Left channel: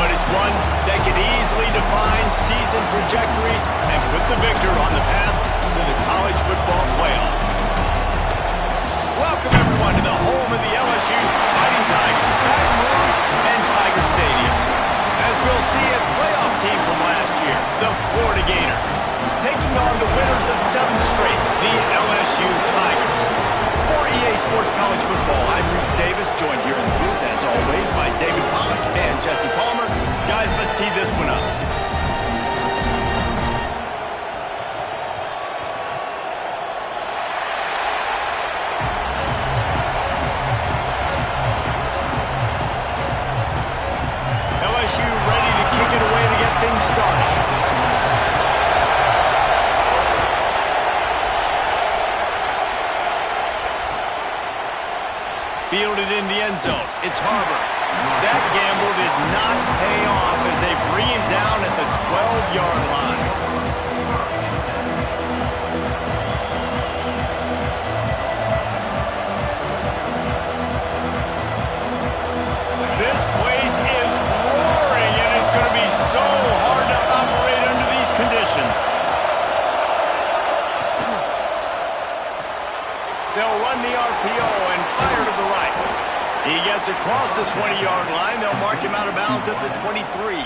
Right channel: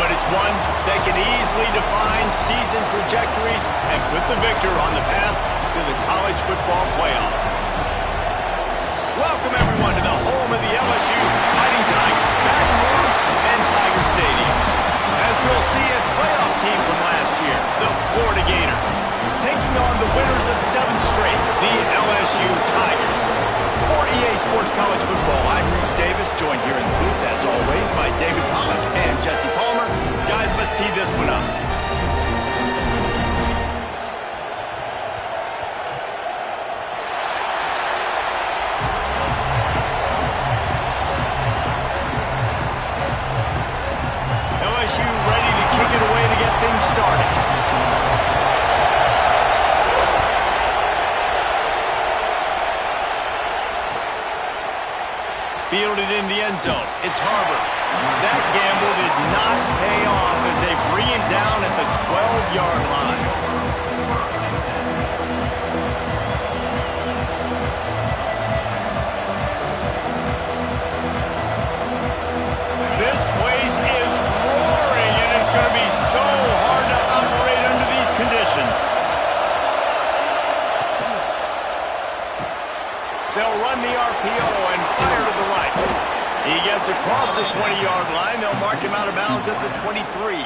but it's one that can easily define season trajectories and put the victor on the path to the college football playoff. Welcome, everyone, to the home of the LSU Fighting Tigers, Baton Rouge and Tiger Stadium. As we'll see, a playoff team from last year, the Florida Gators, taking on the winners of 7 straight, the LSU Tigers. For EA Sports College Football, I'm Reese Davis, joined here in the booth, as always, by David Pollack and Jesse Palmer. Guys, let's tee this one up. LSU ready to kick it away to get things started. Fielded in the end zone. It's Harbor. That gamble did not pay off as they bring him down at the 12-yard line. This place is roaring, and it's going to be so hard to operate under these conditions. They'll run the RPO and fire to the right. He gets across the 20-yard line. They'll mark him out of bounds at the 23.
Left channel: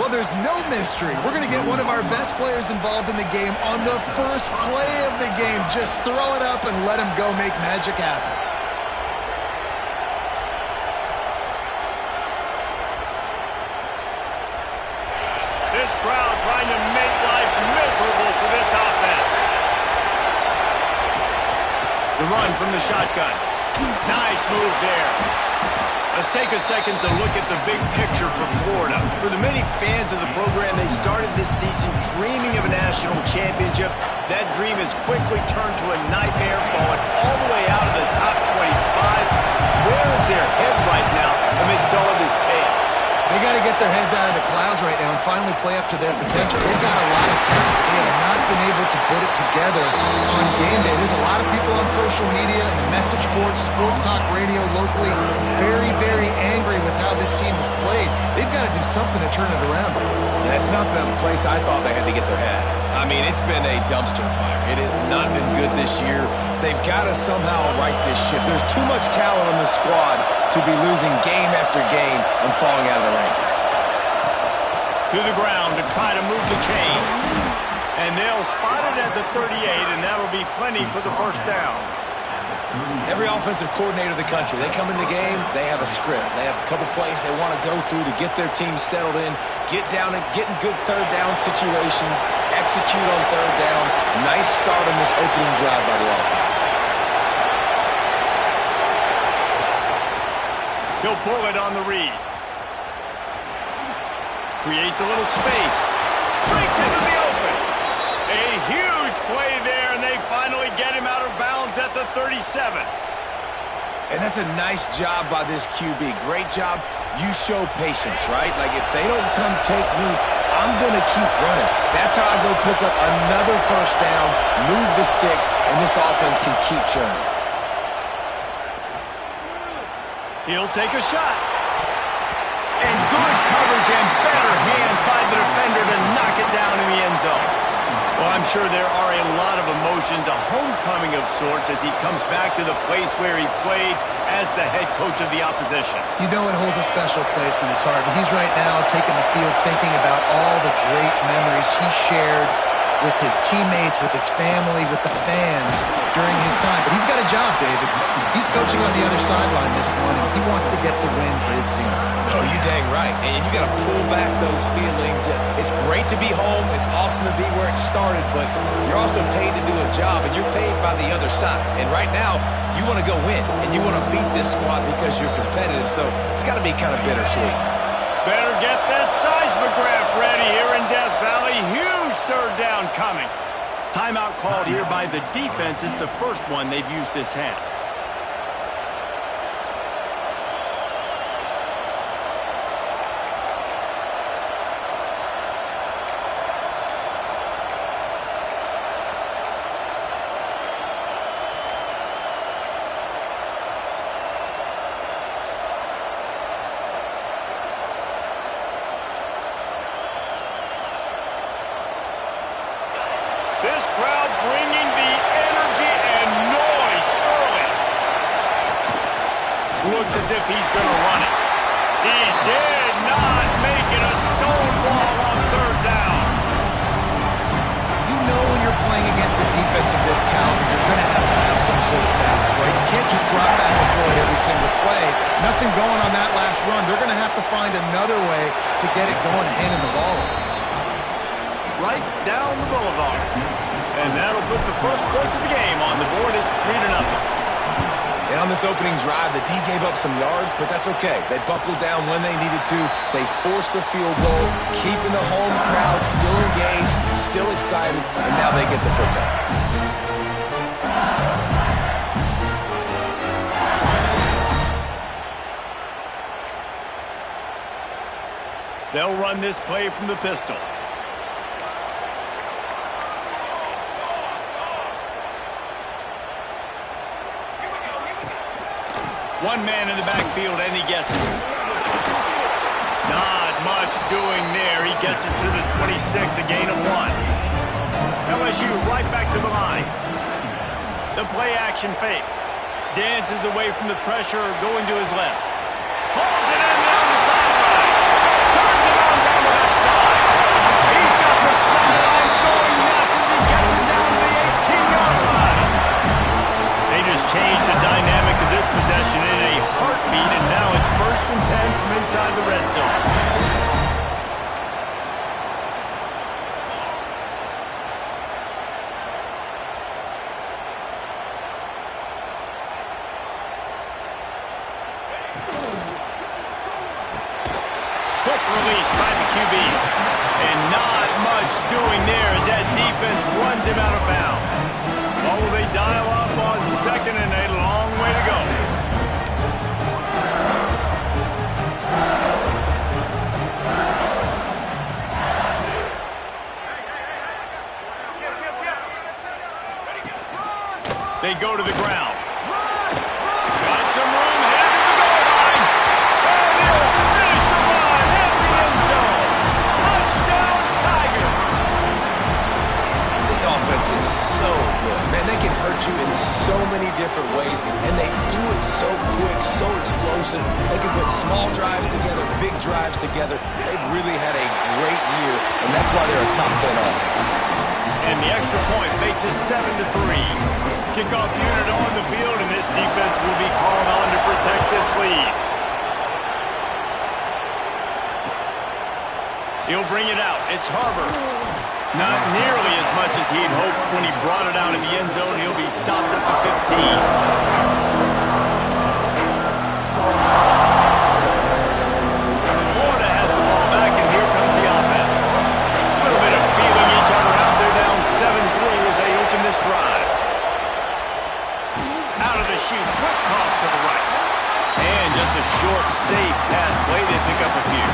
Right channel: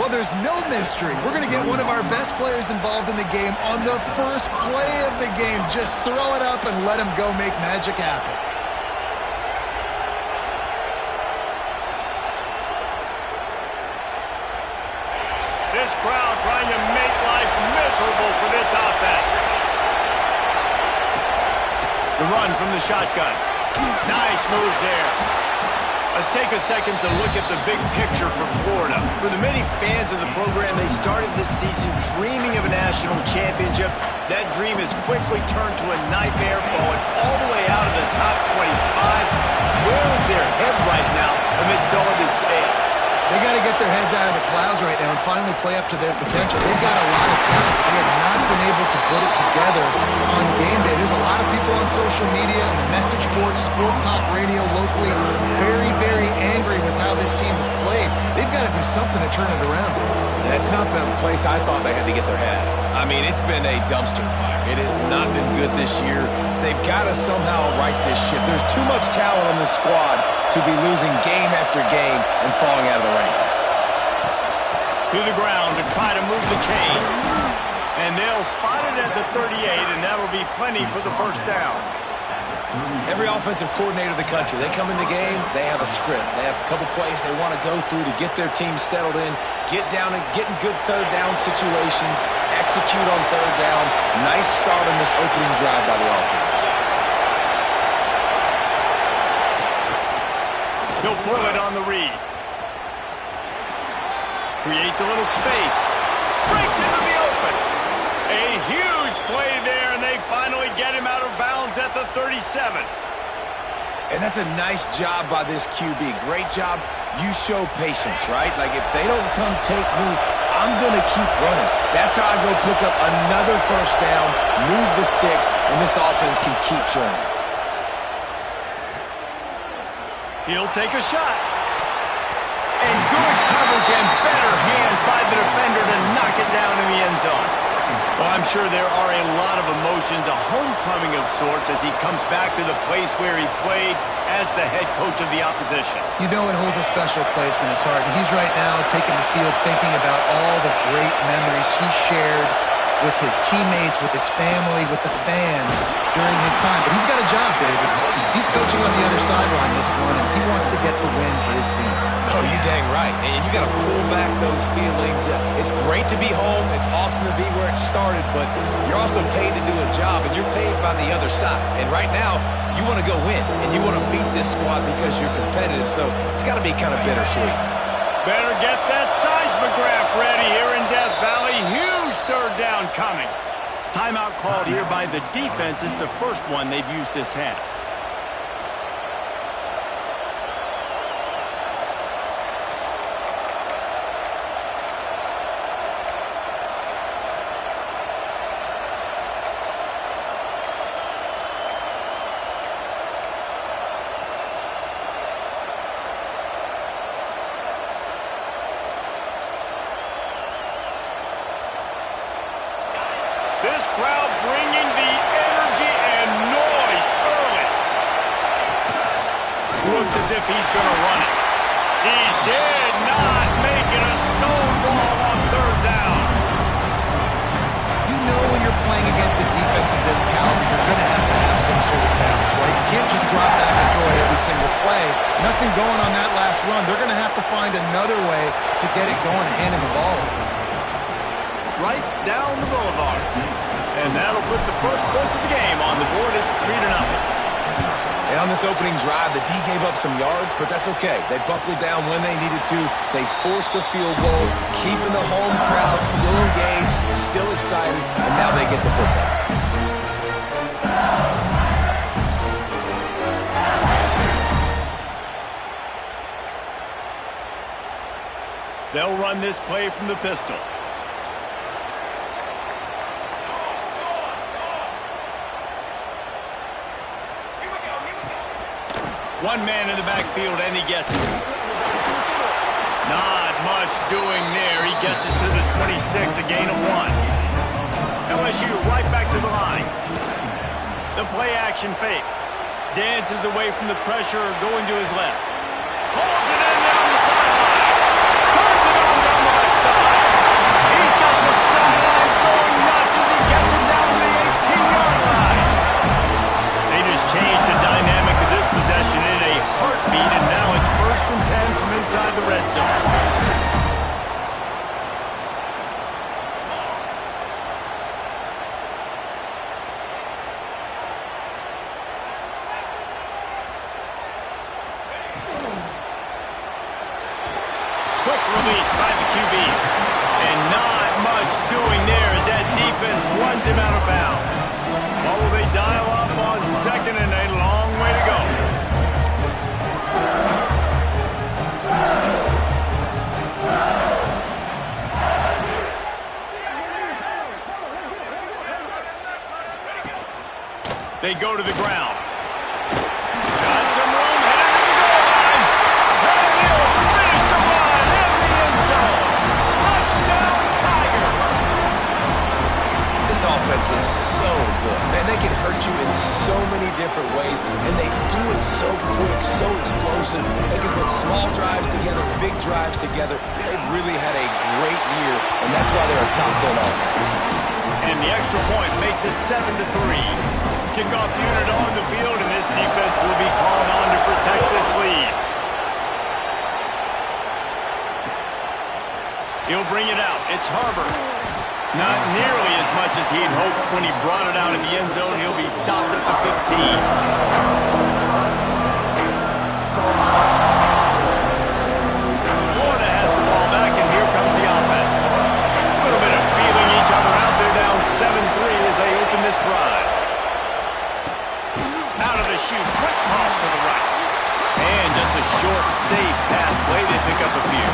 Well, there's no mystery. We're going to get one of our best players involved in the game on the first play of the game. Just throw it up and let him go make magic happen. This crowd trying to make life miserable for this offense. The run from the shotgun. Nice move there. Let's take a second to look at the big picture for Florida. For the many fans of the program, they started this season dreaming of a national championship. That dream has quickly turned to a nightmare, falling all the way out of the top 25. Where is their head right now amidst all of this chaos? They got to get their heads out of the clouds right now and finally play up to their potential. They've got a lot of talent. They have not been able to put it together on game day. There's a lot of people on social media and the message boards, sports talk radio locally, very, very angry with how this team has played. They've got to do something to turn it around. That's not the place I thought they had to get their head out of. I mean, it's been a dumpster fire. It has not been good this year. They've got to somehow right this ship. There's too much talent on this squad to be losing game after game and falling out of the rankings. To the ground to try to move the chains. And they'll spot it at the 38, and that'll be plenty for the first down. Every offensive coordinator in the country, they come in the game, they have a script. They have a couple plays they want to go through to get their team settled in, get down and get in good third down situations, execute on third down. Nice start on this opening drive by the offense. He'll pull it on the read. Creates a little space. Breaks into the open. A huge play there, and they finally get him out of bounds at the 37. And that's a nice job by this QB. Great job. You show patience, right? Like, if they don't come take me, I'm going to keep running. That's how I go pick up another first down, move the sticks, and this offense can keep churning. He'll take a shot. And good coverage and better hands by the defender to knock it down in the end zone. Well, I'm sure there are a lot of emotions, a homecoming of sorts as he comes back to the place where he played as the head coach of the opposition. You know it holds a special place in his heart. And he's right now taking the field thinking about all the great memories he shared with his teammates, with his family, with the fans during his time. But he's got a job, David. He's coaching on the other sideline this one, and he wants to get the win for his team. Oh, you dang right. And you got to pull back those feelings. It's great to be home. It's awesome to be where it started, but you're also paid to do a job, and you're paid by the other side. And right now, you want to go win, and you want to beat this squad because you're competitive, so it's got to be kind of bittersweet. Better get that seismograph ready here in Death Valley. Huge third down coming. Timeout called here by the defense. It's the first one they've used this half. This crowd bringing the energy and noise early. Looks as if he's going to run it. He did not make it a stone wall on third down. You know when you're playing against a defense of this caliber, you're going to have some sort of balance, right? You can't just drop back and throw it every single play. Nothing going on that last run. They're going to have to find another way to get it going and handing the ball over. Right down the boulevard. And that'll put the first points of the game on the board. It's 3-0. And on this opening drive, the D gave up some yards, but that's okay. They buckled down when they needed to. They forced the field goal, keeping the home crowd still engaged, still excited, and now they get the football. They'll run this play from the pistol. One man in the backfield, and he gets it. Not much doing there. He gets it to the 26, a gain of 1. LSU right back to the line. The play action fake. Dances away from the pressure, going to his left. Pulls it in down the sideline. Turns it on down the left side. He's got the sideline going nuts as he gets it down to the 18-yard line. They just changed the dynamic of this possession in a heartbeat, and now it's 1st and 10 from inside the red zone. Quick release by the QB. And not much doing there as that defense runs him out of bounds. What will they dial up on 2nd and a long way to go? They go to the ground. Got some room, headed to the goal line. And he'll finish the run in the end zone. Touchdown, Tiger. This offense is so good. Man, they can hurt you in so many different ways, and they do it so quick, so explosive. They can put small drives together, big drives together. They've really had a great year, and that's why they're a top 10 offense. And the extra point makes it 7-3. Kickoff unit on the field, and this defense will be called on to protect this lead. He'll bring it out. It's Harbor. Not nearly as much as he'd hoped when he brought it out in the end zone. He'll be stopped at the 15. Florida has the ball back, and here comes the offense. A little bit of feeling each other out. They're down 7-3 as they open this drive. Out of the chute, quick toss to the right. And just a short, safe pass play. They pick up a few.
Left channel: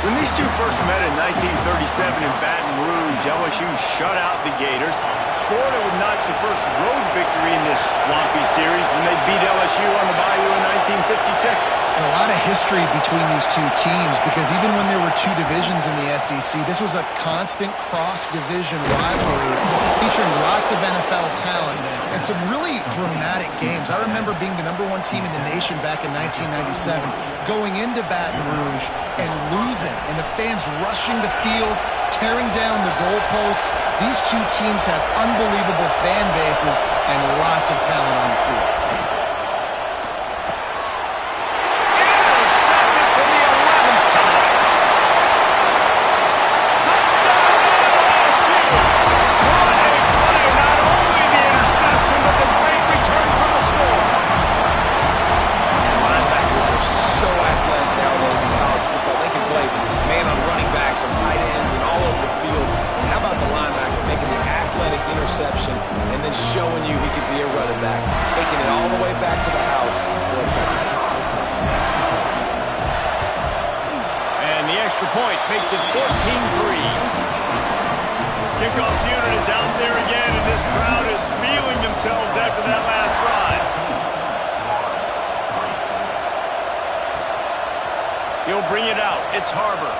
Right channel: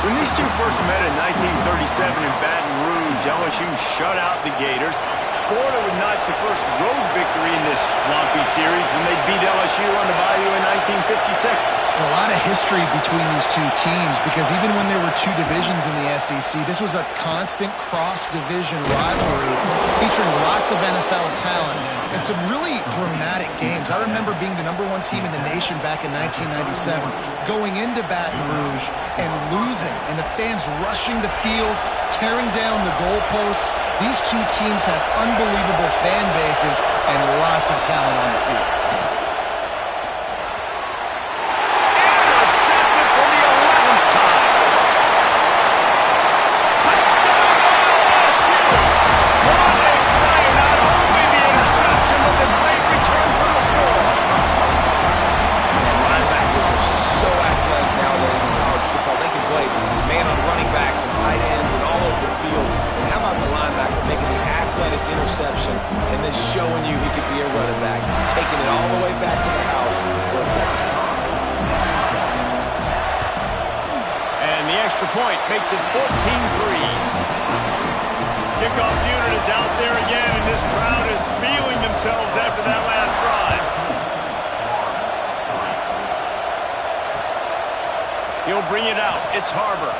When these two first met in 1937 in Baton Rouge, LSU shut out the Gators. Florida would notch the first road victory in this swampy series when they beat LSU on the Bayou in 1956. And a lot of history between these two teams because even when there were two divisions in the SEC, this was a constant cross-division rivalry featuring lots of NFL talent and some really dramatic games. I remember being the #1 team in the nation back in 1997, going into Baton Rouge and losing, and the fans rushing the field, tearing down the goalposts. These two teams have unbelievable fan bases and lots of talent on the field. Intercepted for the 11th time. Touchdown LSU. What a play. Not only the interception, but the great return for the score. And linebackers are so athletic nowadays in college football. They can play man on running backs and tight ends and all over the field. And how about the linebacker making the athletic interception and then showing you he could be a running back, taking it all the way back to the house for a touchdown. And the extra point makes it 14-3. Kickoff unit is out there again, and this crowd is feeling themselves after that last drive. He'll bring it out. It's Harbor.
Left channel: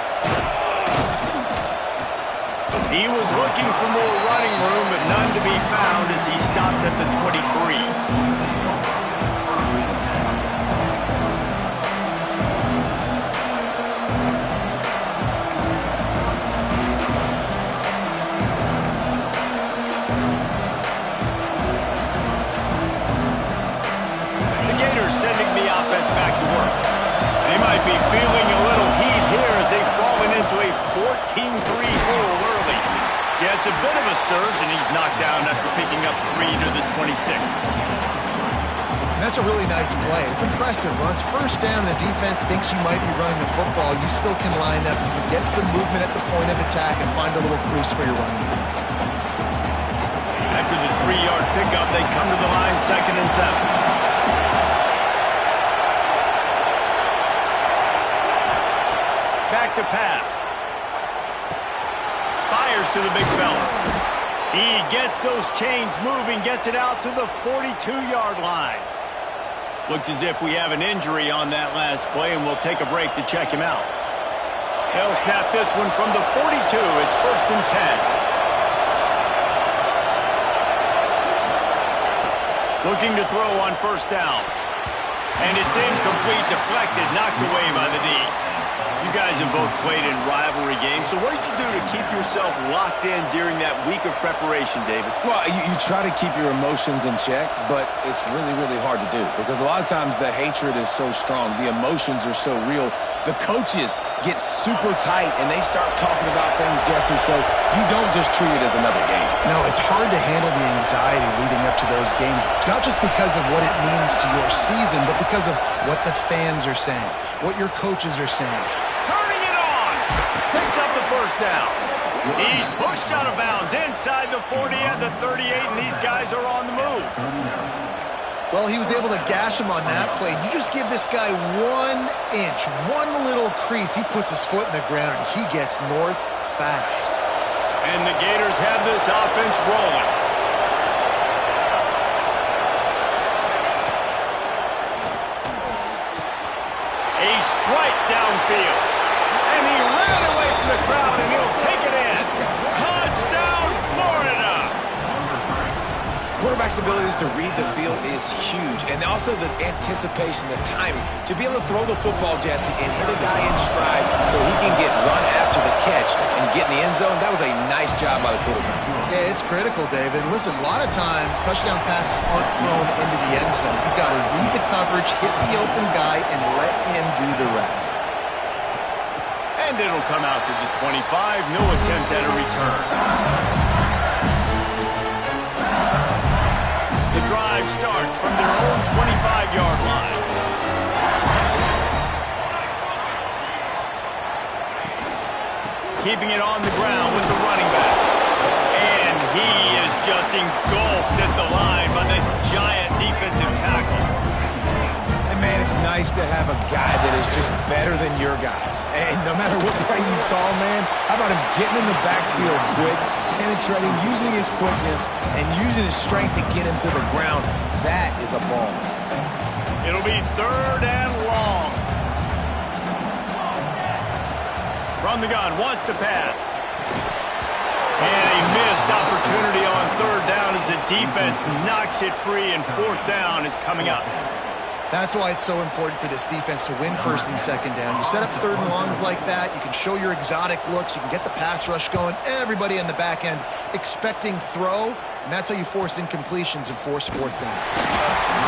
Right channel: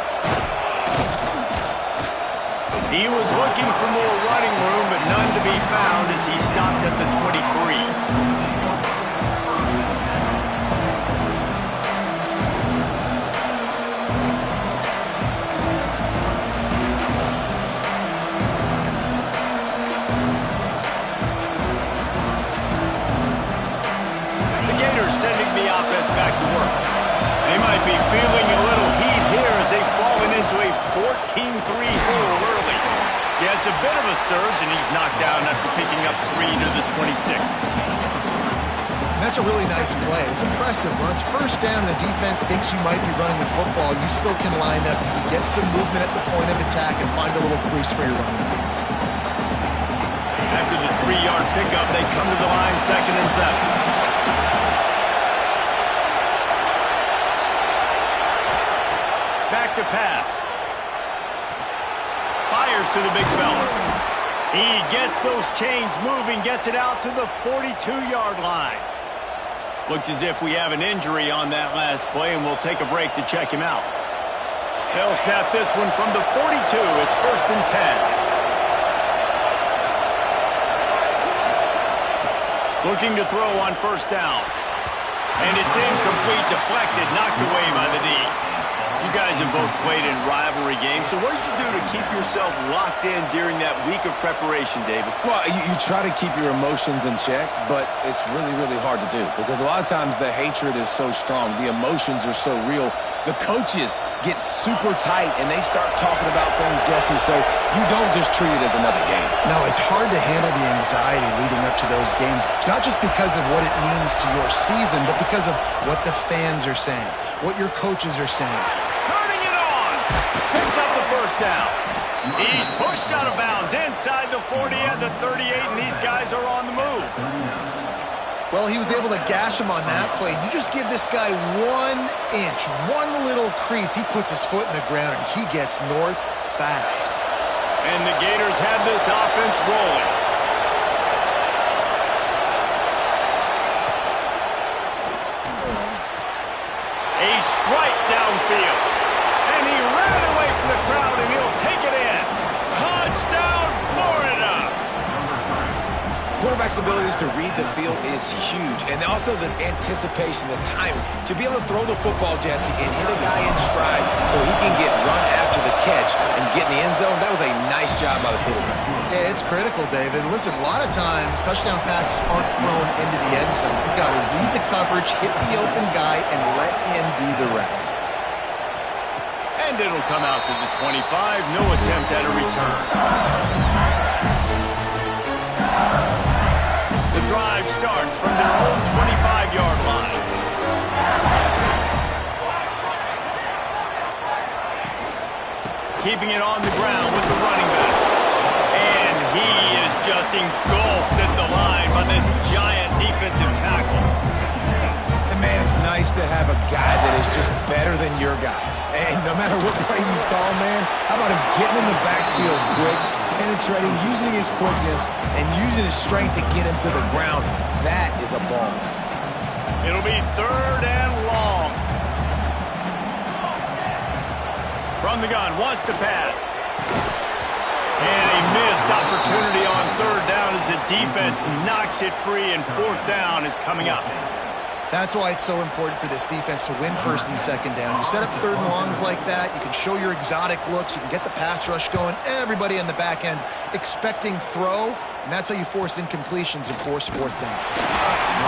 He was looking for more running room, but none to be found as he stopped at the 23. Sending the offense back to work. They might be feeling a little heat here as they've fallen into a 14-3 hole early. Yeah, it's a bit of a surge, and he's knocked down after picking up 3 to the 26. And that's a really nice play. It's impressive. When it's first down and the defense thinks you might be running the football, you still can line up. You can get some movement at the point of attack and find a little crease for your running back. After the 3-yard pickup, they come to the line 2nd and 7. Back to pass. Fires to the big fella. He gets those chains moving, gets it out to the 42-yard line. Looks as if we have an injury on that last play, and we'll take a break to check him out. They'll snap this one from the 42. It's 1st and 10. Looking to throw on 1st down. And it's incomplete, deflected, knocked away by the D. You guys have both played in rivalry games, so what did you do to keep yourself locked in during that week of preparation, David? Well, you try to keep your emotions in check, but it's really, really hard to do because a lot of times the hatred is so strong. The emotions are so real. The coaches get super tight, and they start talking about things, Jesse, so you don't just treat it as another game. No, it's hard to handle the anxiety leading up to those games, not just because of what it means to your season, but because of what the fans are saying, what your coaches are saying. Turning it on. Picks up the 1st down. He's pushed out of bounds inside the 40 and the 38, and these guys are on the move. Well, he was able to gash him on that play. You just give this guy 1 inch, one little crease. He puts his foot in the ground, and he gets north fast. And the Gators have this offense rolling. A strike downfield. And he ran away from the crowd, and he'll take it in. Touchdown, Florida! Quarterback's abilities to read the field is huge, and also the anticipation, the timing. To be able to throw the football, Jesse, and hit a guy in stride so he can get run after the catch and get in the end zone, that was a nice job by the quarterback. Yeah, it's critical, David. Listen, a lot of times touchdown passes aren't thrown into the end zone. You've got to read the coverage, hit the open guy, and let him do the rest. And it'll come out to the 25. No attempt at a return. The drive starts from their own 25-yard line. Keeping it on the ground with the running back. And he is just engulfed at the line by this giant defensive tackle. And, man, it's nice to have a guy that is just better than your guys. And no matter what play you call, man, how about him getting in the backfield quick, penetrating, using his quickness, and using his strength to get him to the ground. That is a ball. It'll be 3rd and long. From the gun, wants to pass. And a missed opportunity on 3rd down as the defense knocks it free, and 4th down is coming up. That's why it's so important for this defense to win 1st and 2nd down. You set up 3rd and longs like that, you can show your exotic looks, you can get the pass rush going, everybody on the back end expecting throw, and that's how you force incompletions and force 4th down.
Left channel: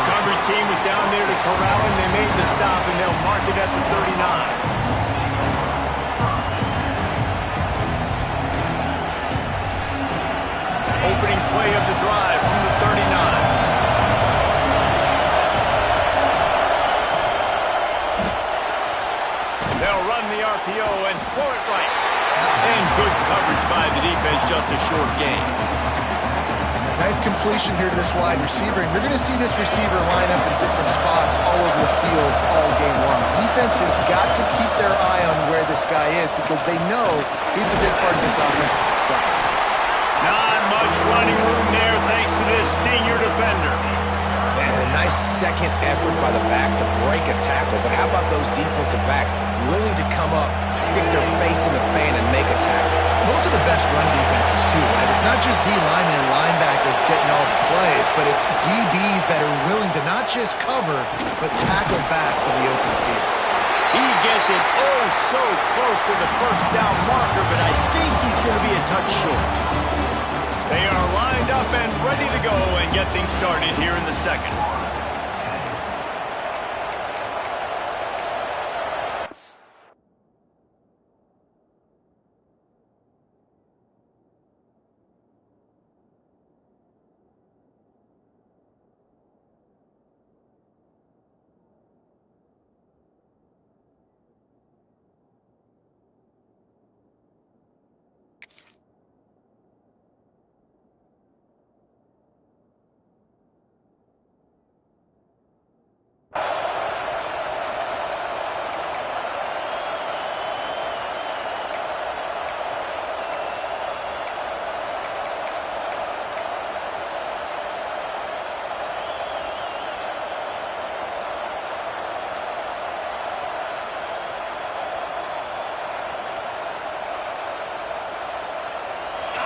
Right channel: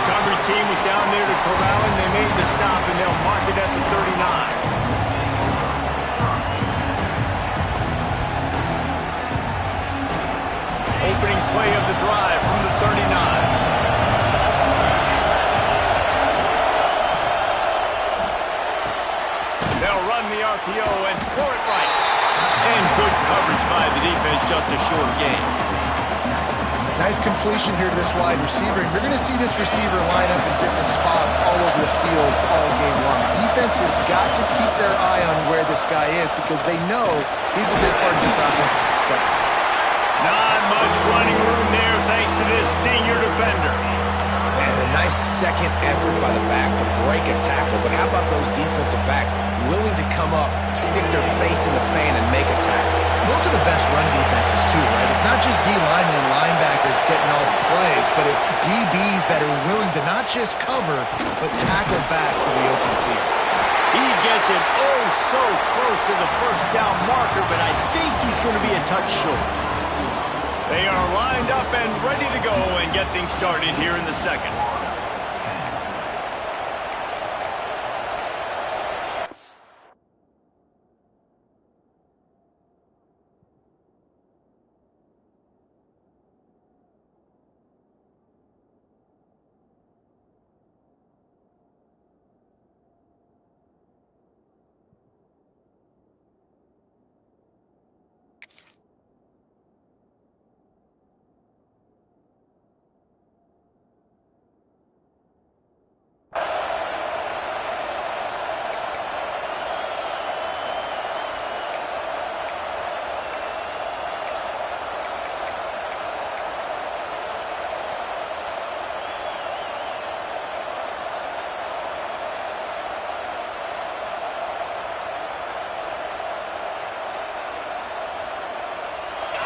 Coverage team was down there to corral him. They made the stop, and they'll mark it at the 39. Opening play of the drive from the 39. They'll run the RPO and throw it right. And good coverage by the defense, just a short gain. Nice completion here to this wide receiver, and you're going to see this receiver line up in different spots all over the field all game long. Defense has got to keep their eye on where this guy is because they know he's a big part of this offense's success. Not much running room there thanks to this senior defender. And a nice second effort by the back to break a tackle. But how about those defensive backs willing to come up, stick their face in the fan, and make a tackle? Those are the best run defenses, too, right? It's not just D linemen and linebackers getting all the plays, but it's DBs that are willing to not just cover, but tackle backs in the open field. He gets it so close to the first down marker, but I think he's going to be a touch short. They are lined up and ready to go and get things started here in the second.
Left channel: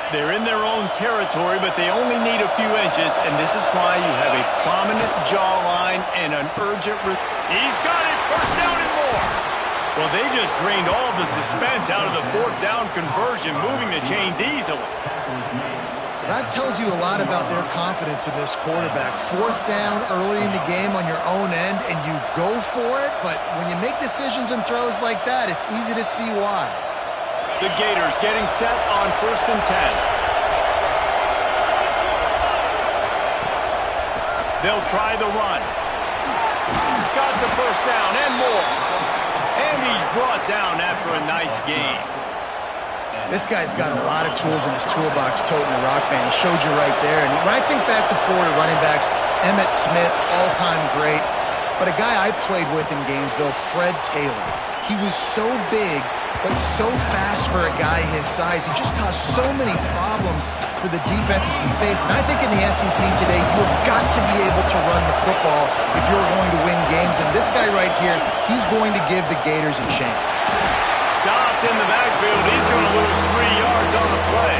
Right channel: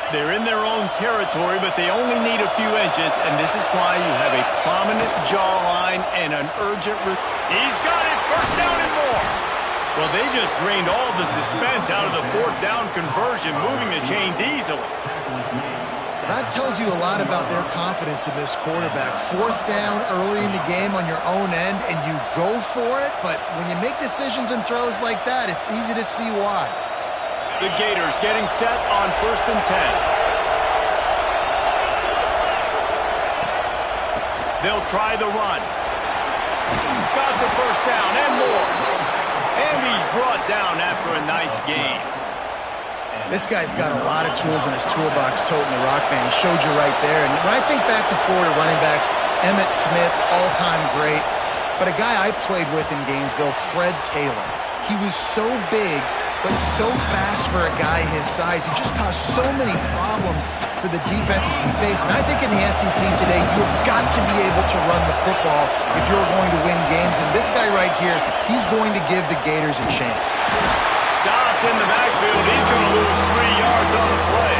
They're in their own territory, but they only need a few inches, and this is why you have a prominent jawline and an urgent... He's got it! First down and more! Well, they just drained all the suspense out of the fourth down conversion, moving the chains easily. That tells you a lot about their confidence in this quarterback. Fourth down early in the game on your own end, and you go for it, but when you make decisions and throws like that, it's easy to see why. The Gators getting set on 1st and 10. They'll try the run. Got the first down and more. And he's brought down after a nice gain. This guy's got a lot of tools in his toolbox toting the rock band. He showed you right there. And when I think back to Florida running backs, Emmitt Smith, all-time great. But a guy I played with in Gainesville, Fred Taylor. He was so big, but so fast for a guy his size. He just caused so many problems for the defenses we face. And I think in the SEC today, you have got to be able to run the football if you're going to win games. And this guy right here, he's going to give the Gators a chance. Stopped in the backfield. He's going to lose 3 yards on the play.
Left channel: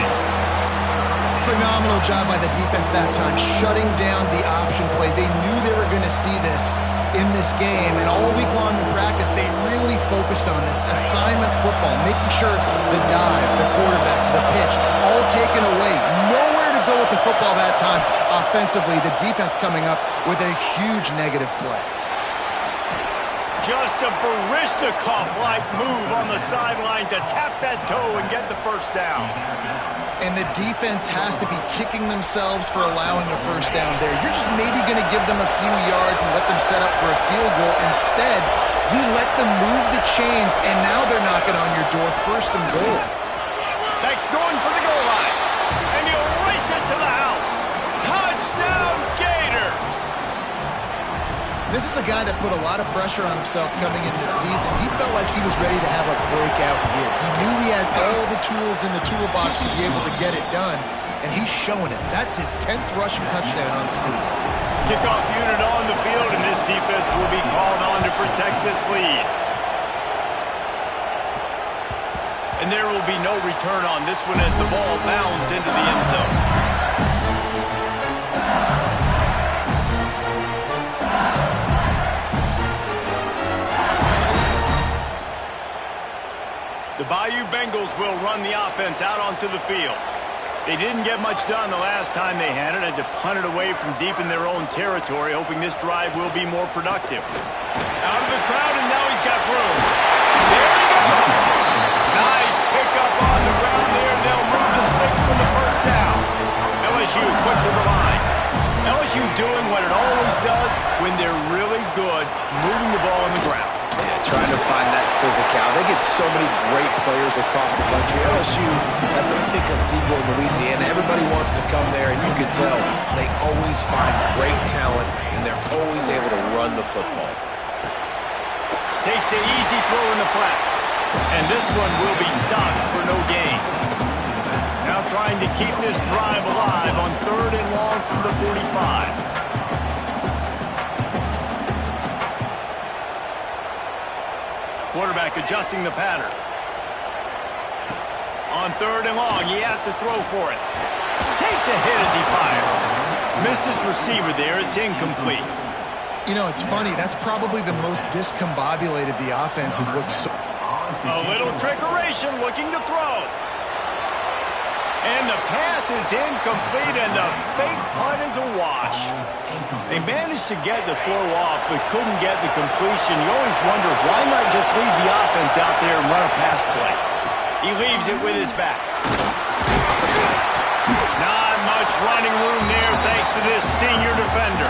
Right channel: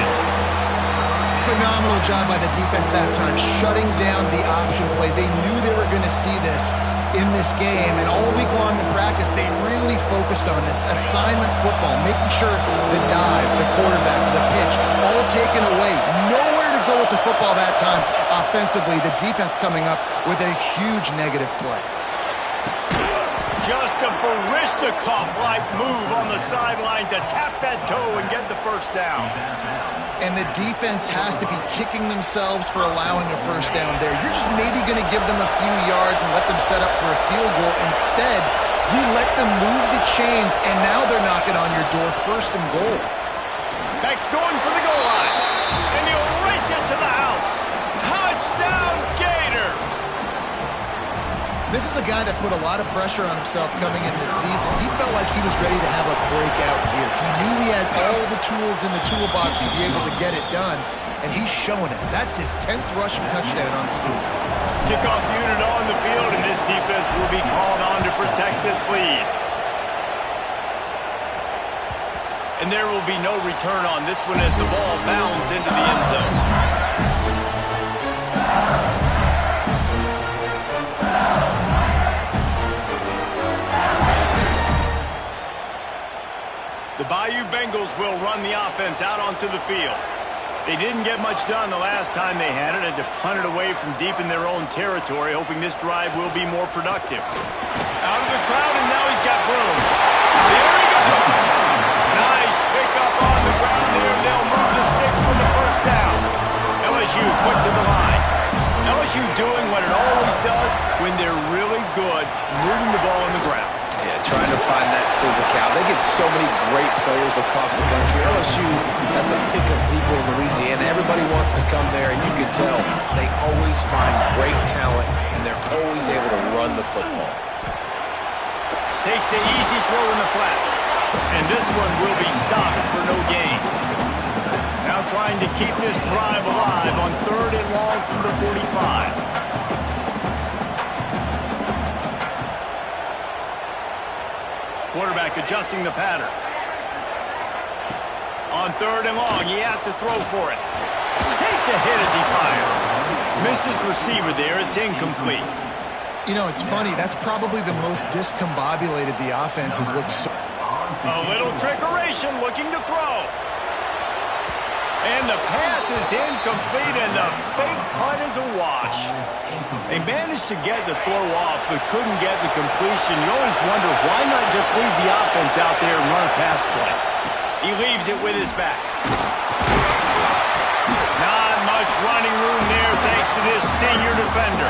Phenomenal job by the defense that time, shutting down the option play. They knew they were going to see this in this game, and all week long in practice, they really focused on this assignment football, making sure the dive, the quarterback, the pitch, all taken away. Nowhere to go with the football that time offensively. The defense coming up with a huge negative play. Just a Baryshnikov-like move on the sideline to tap that toe and get the first down. And the defense has to be kicking themselves for allowing a first down there. You're just maybe going to give them a few yards and let them set up for a field goal. Instead, you let them move the chains, and now they're knocking on your door, 1st and goal. Beck's going for the goal line, and he'll race it to the house. Touchdown, Gators! This is a guy that put a lot of pressure on himself coming into this season. He felt like he was ready to have a breakout year. He knew he had all the tools in the toolbox to be able to get it done, and he's showing it. That's his 10th rushing touchdown on the season. Kickoff unit on the field, and this defense will be called on to protect this lead. And there will be no return on this one as the ball bounds into the end zone. The Bayou Bengals will run the offense out onto the field. They didn't get much done the last time they had it, and to punt it away from deep in their own territory, hoping this drive will be more productive. Out of the crowd, and now he's got room. There he goes! Nice pickup on the ground there. They'll move the sticks with the first down. LSU quick to the line. LSU doing what it always does when they're really good, moving the ball on the ground. Yeah, trying to find that physicality. They get so many great players across the country. LSU has the pick of people in Louisiana. Everybody wants to come there, and you can tell they always find great talent, and they're always able to run the football. Takes the easy throw in the flat. And this one will be stopped for no gain. Now trying to keep this drive alive on 3rd and long from the 45. Quarterback adjusting the pattern. On 3rd and long, he has to throw for it. Takes a hit as he fires. Missed his receiver there. It's incomplete. You know, it's funny. That's probably the most discombobulated the offense has looked so. A little trickeration, looking to throw. And the pass is incomplete, and the fake punt is a wash. They managed to get the throw off, but couldn't get the completion. You always wonder, why not just leave the offense out there and run a pass play? He leaves it with his back. Not much running room there thanks to this senior defender.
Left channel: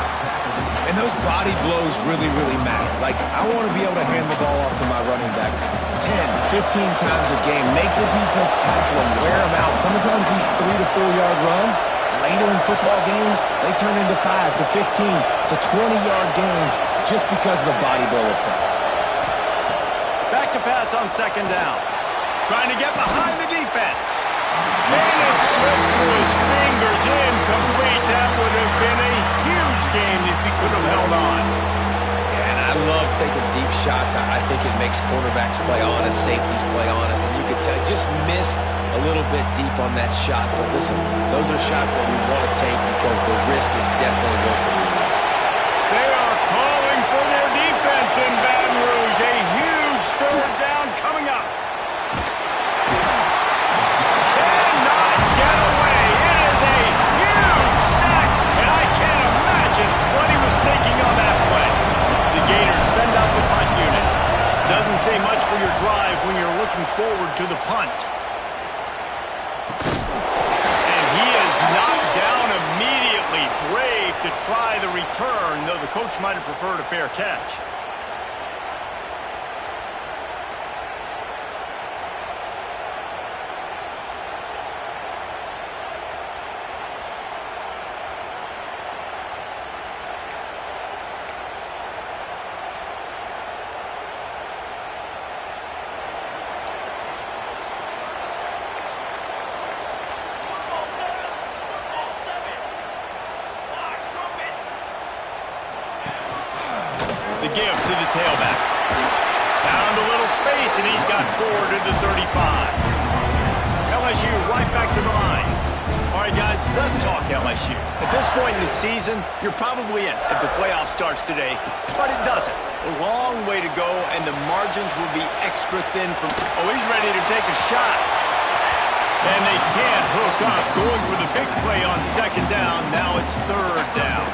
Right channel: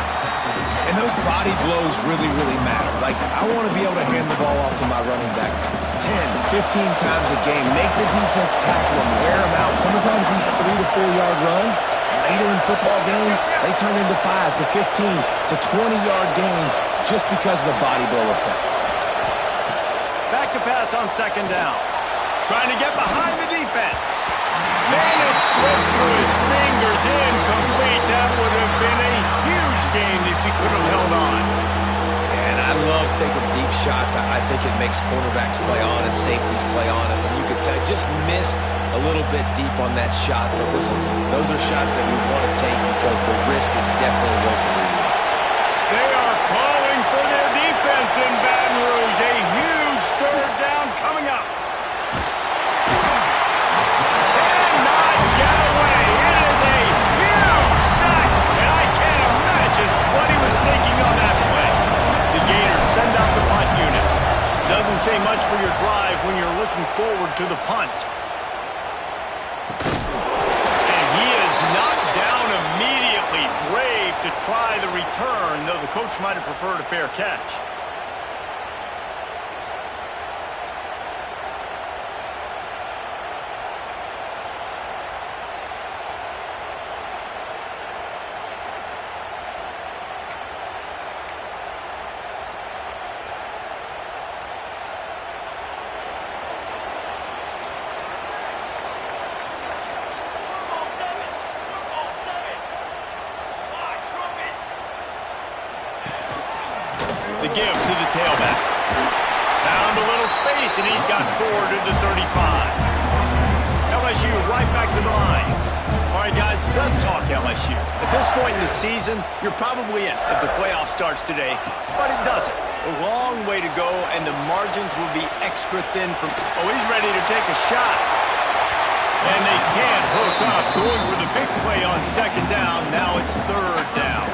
And those body blows really, really matter. Like, I want to be able to hand the ball off to my running back 10, 15 times a game. Make the defense tackle him, wear him out. Sometimes these 3 to 4 yard runs, later in football games, they turn into 5 to 15 to 20-yard gains just because of the body blow effect. Back to pass on 2nd down. Trying to get behind the defense. And it slips through his fingers, incomplete. That would have been a huge game if he could have held on. Yeah, and I love taking deep shots. I think it makes quarterbacks play honest, safeties play honest, and you could tell just missed a little bit deep on that shot. But listen, those are shots that we want to take because the risk is definitely worth the reward. They are calling for their defense in Baton Rouge. A huge 3rd down coming up. What he was thinking on that play. The Gators send out the punt unit. Doesn't say much for your drive when you're looking forward to the punt. And he is knocked down immediately. Brave to try the return, though the coach might have preferred a fair catch. The give to the tailback. Found a little space, and he's got 4 to the 35. LSU right back to the line. All right, guys, let's talk LSU. At this point in the season, you're probably in if the playoff starts today, but it doesn't. A long way to go, and the margins will be extra thin from... Oh, he's ready to take a shot. And they can't hook up. Going for the big play on 2nd down. Now it's 3rd down.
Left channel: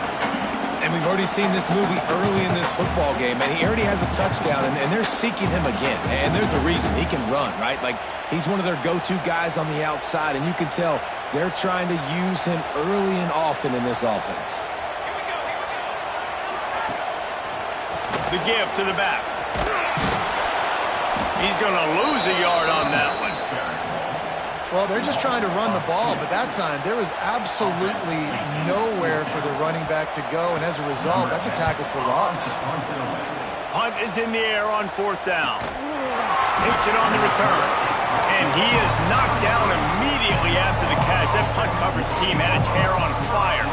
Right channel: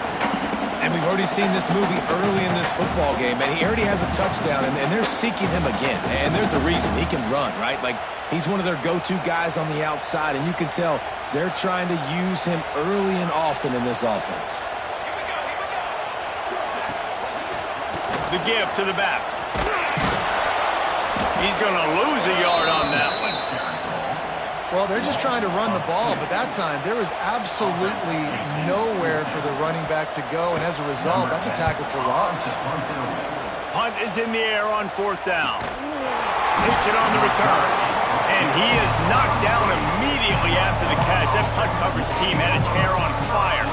And we've already seen this movie early in this football game, and he already has a touchdown, and they're seeking him again. And there's a reason. He can run, right? Like, he's one of their go-to guys on the outside, and you can tell they're trying to use him early and often in this offense. Here we go. The give to the back. He's going to lose a yard on that one. Well, they're just trying to run the ball, but that time there was absolutely nowhere for the running back to go, and as a result, that's a tackle for loss. Punt is in the air on 4th down. Takes it on the return, and he is knocked down immediately after the catch. That punt coverage team had its hair on fire.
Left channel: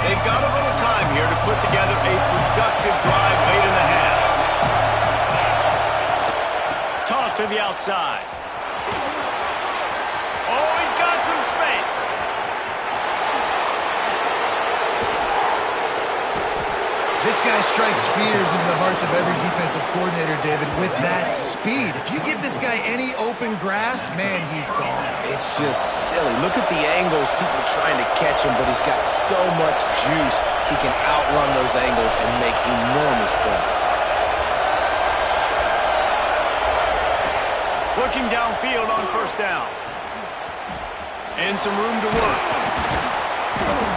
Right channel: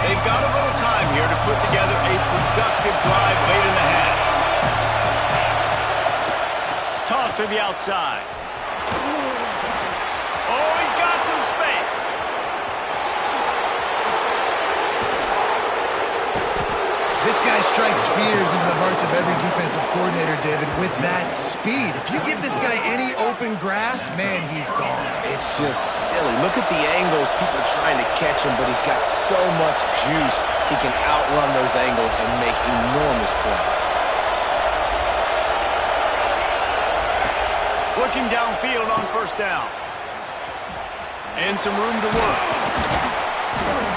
They've got a little time here to put together a productive drive late in the half. Toss to the outside. Oh, he's got some space. This guy strikes fears into the hearts of every defensive coordinator, David, with that speed. If you give this guy any open grass, man, he's gone. It's just silly. Look at the angles, people trying to catch him, but he's got so much juice. He can outrun those angles and make enormous plays. Looking downfield on 1st down. And some room to work.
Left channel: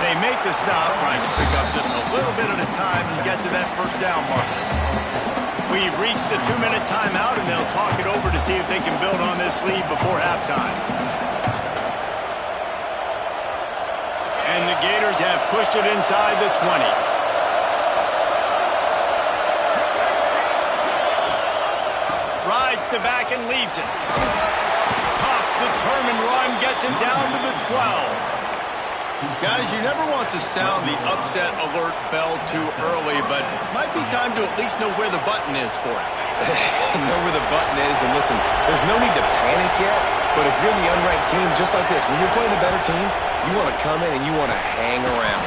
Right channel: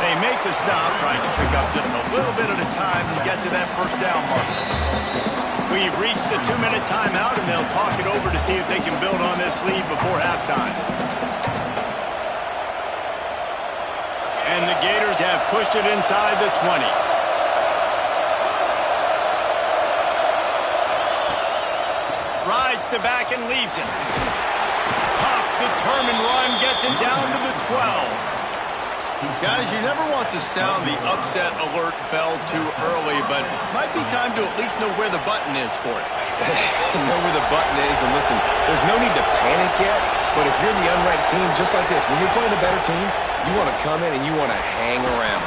They make the stop, trying to pick up just a little bit at a time and get to that 1st down marker. We've reached the 2-minute timeout, and they'll talk it over to see if they can build on this lead before halftime. And the Gators have pushed it inside the 20. Rides to back and leaves it. determined run gets it down to the 12. Guys, you never want to sound the upset alert bell too early, but might be time to at least know where the button is for it. Know where the button is, and listen, there's no need to panic yet, but if you're the unranked team, just like this, when you're playing a better team, you want to come in and you want to hang around,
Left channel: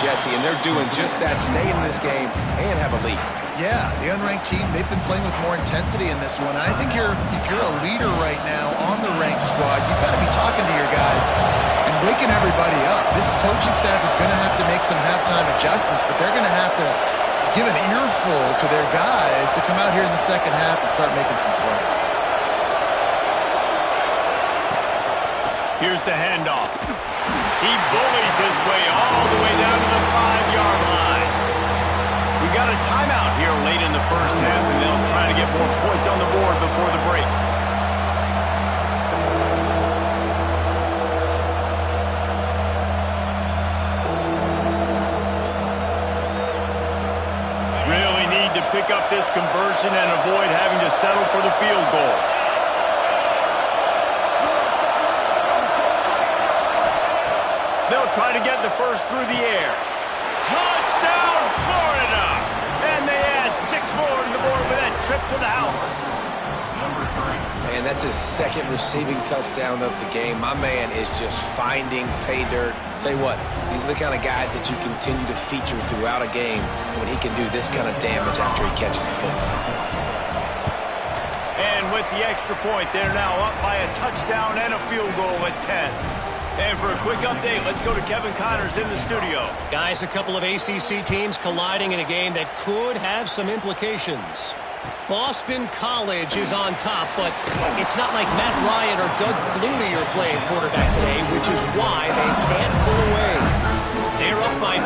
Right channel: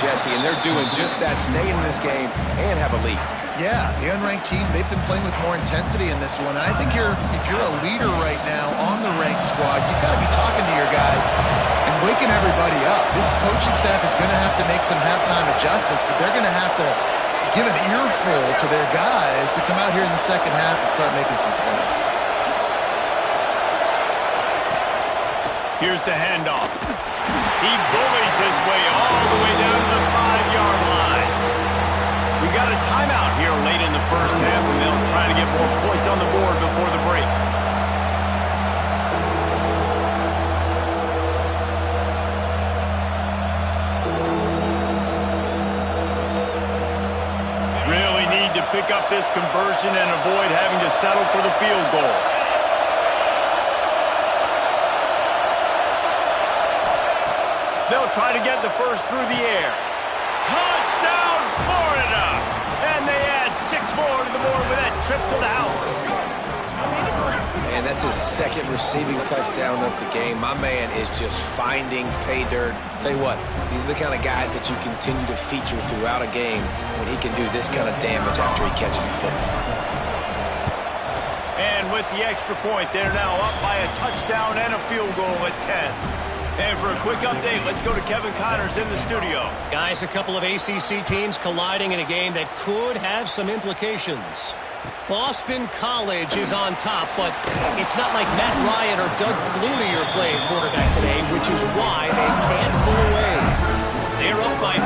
Jesse, and they're doing just that, stay in this game and have a lead. Yeah, the unranked team, they've been playing with more intensity in this one. And I think if you're a leader right now on the ranked squad, you've got to be talking to your guys and waking everybody up. This coaching staff is going to have to make some halftime adjustments, but they're going to have to give an earful to their guys to come out here in the second half and start making some plays. Here's the handoff. He bullies his way all the way down to the 5-yard line. We got a timeout here late in the first half, and they'll try to get more points on the board before the break. Really need to pick up this conversion and avoid having to settle for the field goal. They'll try to get the first through the air. Touchdown, Florida! And they add 6 more to the board with that trip to the house. And that's his second receiving touchdown of the game. My man is just finding pay dirt. Tell you what, these are the kind of guys that you continue to feature throughout a game when he can do this kind of damage after he catches the football. And with the extra point, they're now up by a touchdown and a field goal at 10. And for a quick update, let's go to Kevin Connors in the studio. Guys, a couple of ACC teams colliding in a game that could have some implications. Boston College is on top, but it's not like Matt Ryan or Doug Flutie are playing quarterback today, which is why they can't pull away. They're up by 4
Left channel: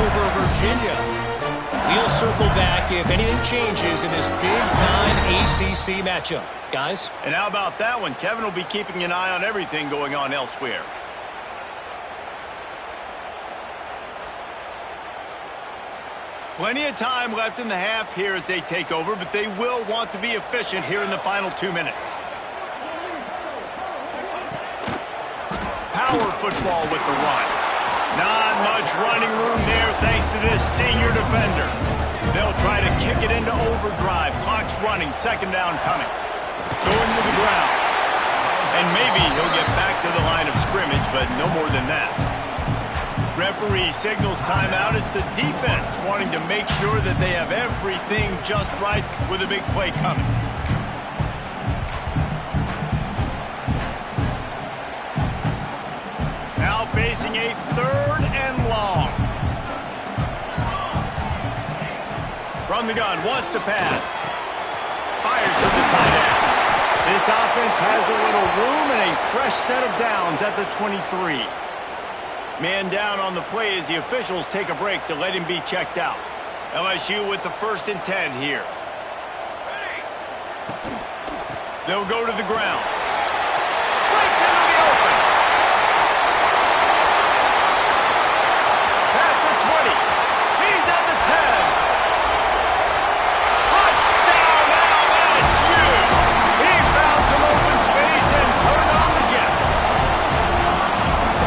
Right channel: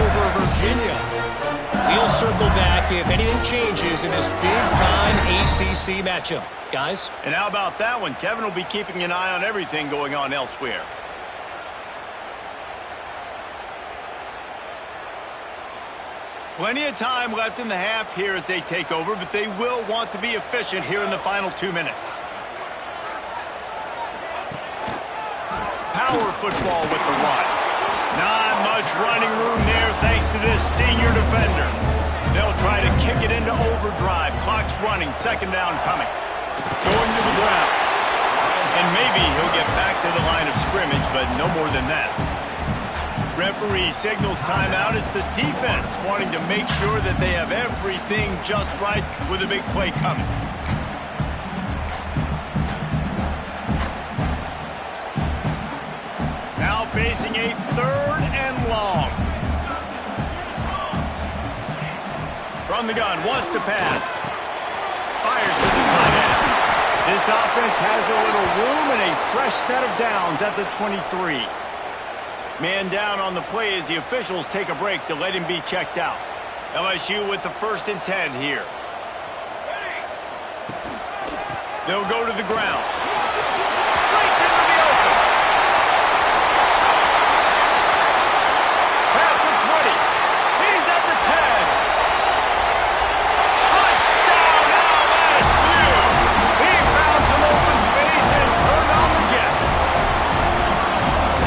over Virginia. We'll circle back if anything changes in this big-time ACC matchup. Guys? And how about that one? Kevin will be keeping an eye on everything going on elsewhere. Plenty of time left in the half here as they take over, but they will want to be efficient here in the final 2 minutes. Power football with the run. Not much running room there thanks to this senior defender. They'll try to kick it into overdrive. Clock's running. Second down coming. Going to the ground. And maybe he'll get back to the line of scrimmage, but no more than that. Referee signals timeout. It's the defense wanting to make sure that they have everything just right with a big play coming. Now facing a 3rd and long. From the gun, wants to pass. Fires to the tight end. This offense has a little room and a fresh set of downs at the 23. Man down on the play as the officials take a break to let him be checked out. LSU with the 1st and 10 here. They'll go to the ground. Breaks into the open. Past the 20. He's at the 10. Touchdown LSU! He found some open space and turned on the Jets.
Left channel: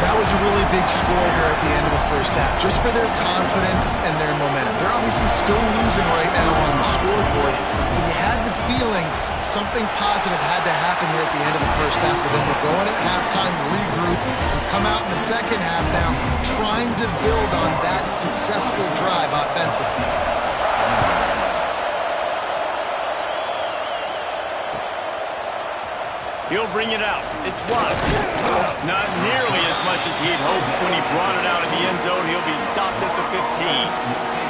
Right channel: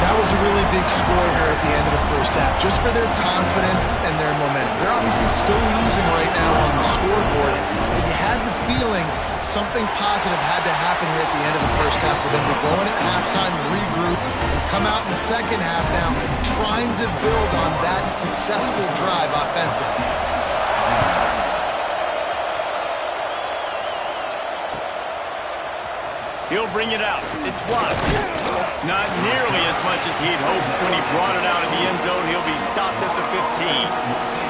That was a really big score here at the end of the first half, just for their confidence and their momentum. They're obviously still losing right now on the scoreboard, but you had the feeling something positive had to happen here at the end of the first half for them to go in at halftime, regroup, and come out in the second half now trying to build on that successful drive offensively. He'll bring it out. It's Watt. Not nearly as much as he'd hoped when he brought it out of the end zone. He'll be stopped at the 15.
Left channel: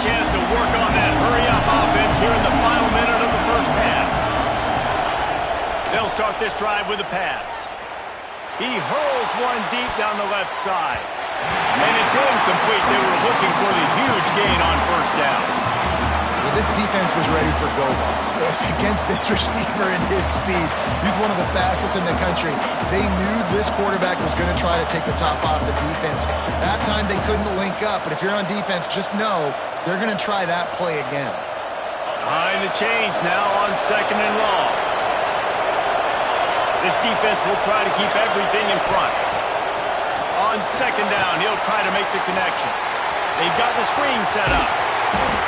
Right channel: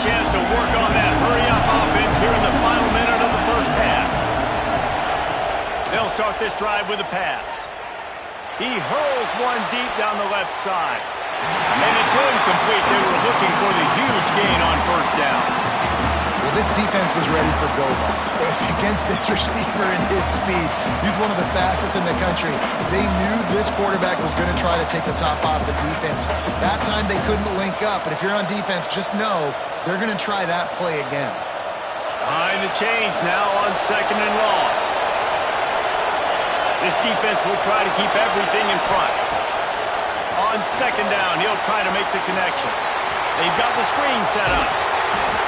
Chance to work on that hurry-up offense here in the final minute of the first half. They'll start this drive with a pass. He hurls one deep down the left side. And it's incomplete. They were looking for the huge gain on first down. This defense was ready for go balls against this receiver and his speed. He's one of the fastest in the country. They knew this quarterback was going to try to take the top off the defense. That time they couldn't link up, but if you're on defense, just know they're going to try that play again. Behind the chains now on 2nd and long. This defense will try to keep everything in front. On 2nd down, he'll try to make the connection. They've got the screen set up.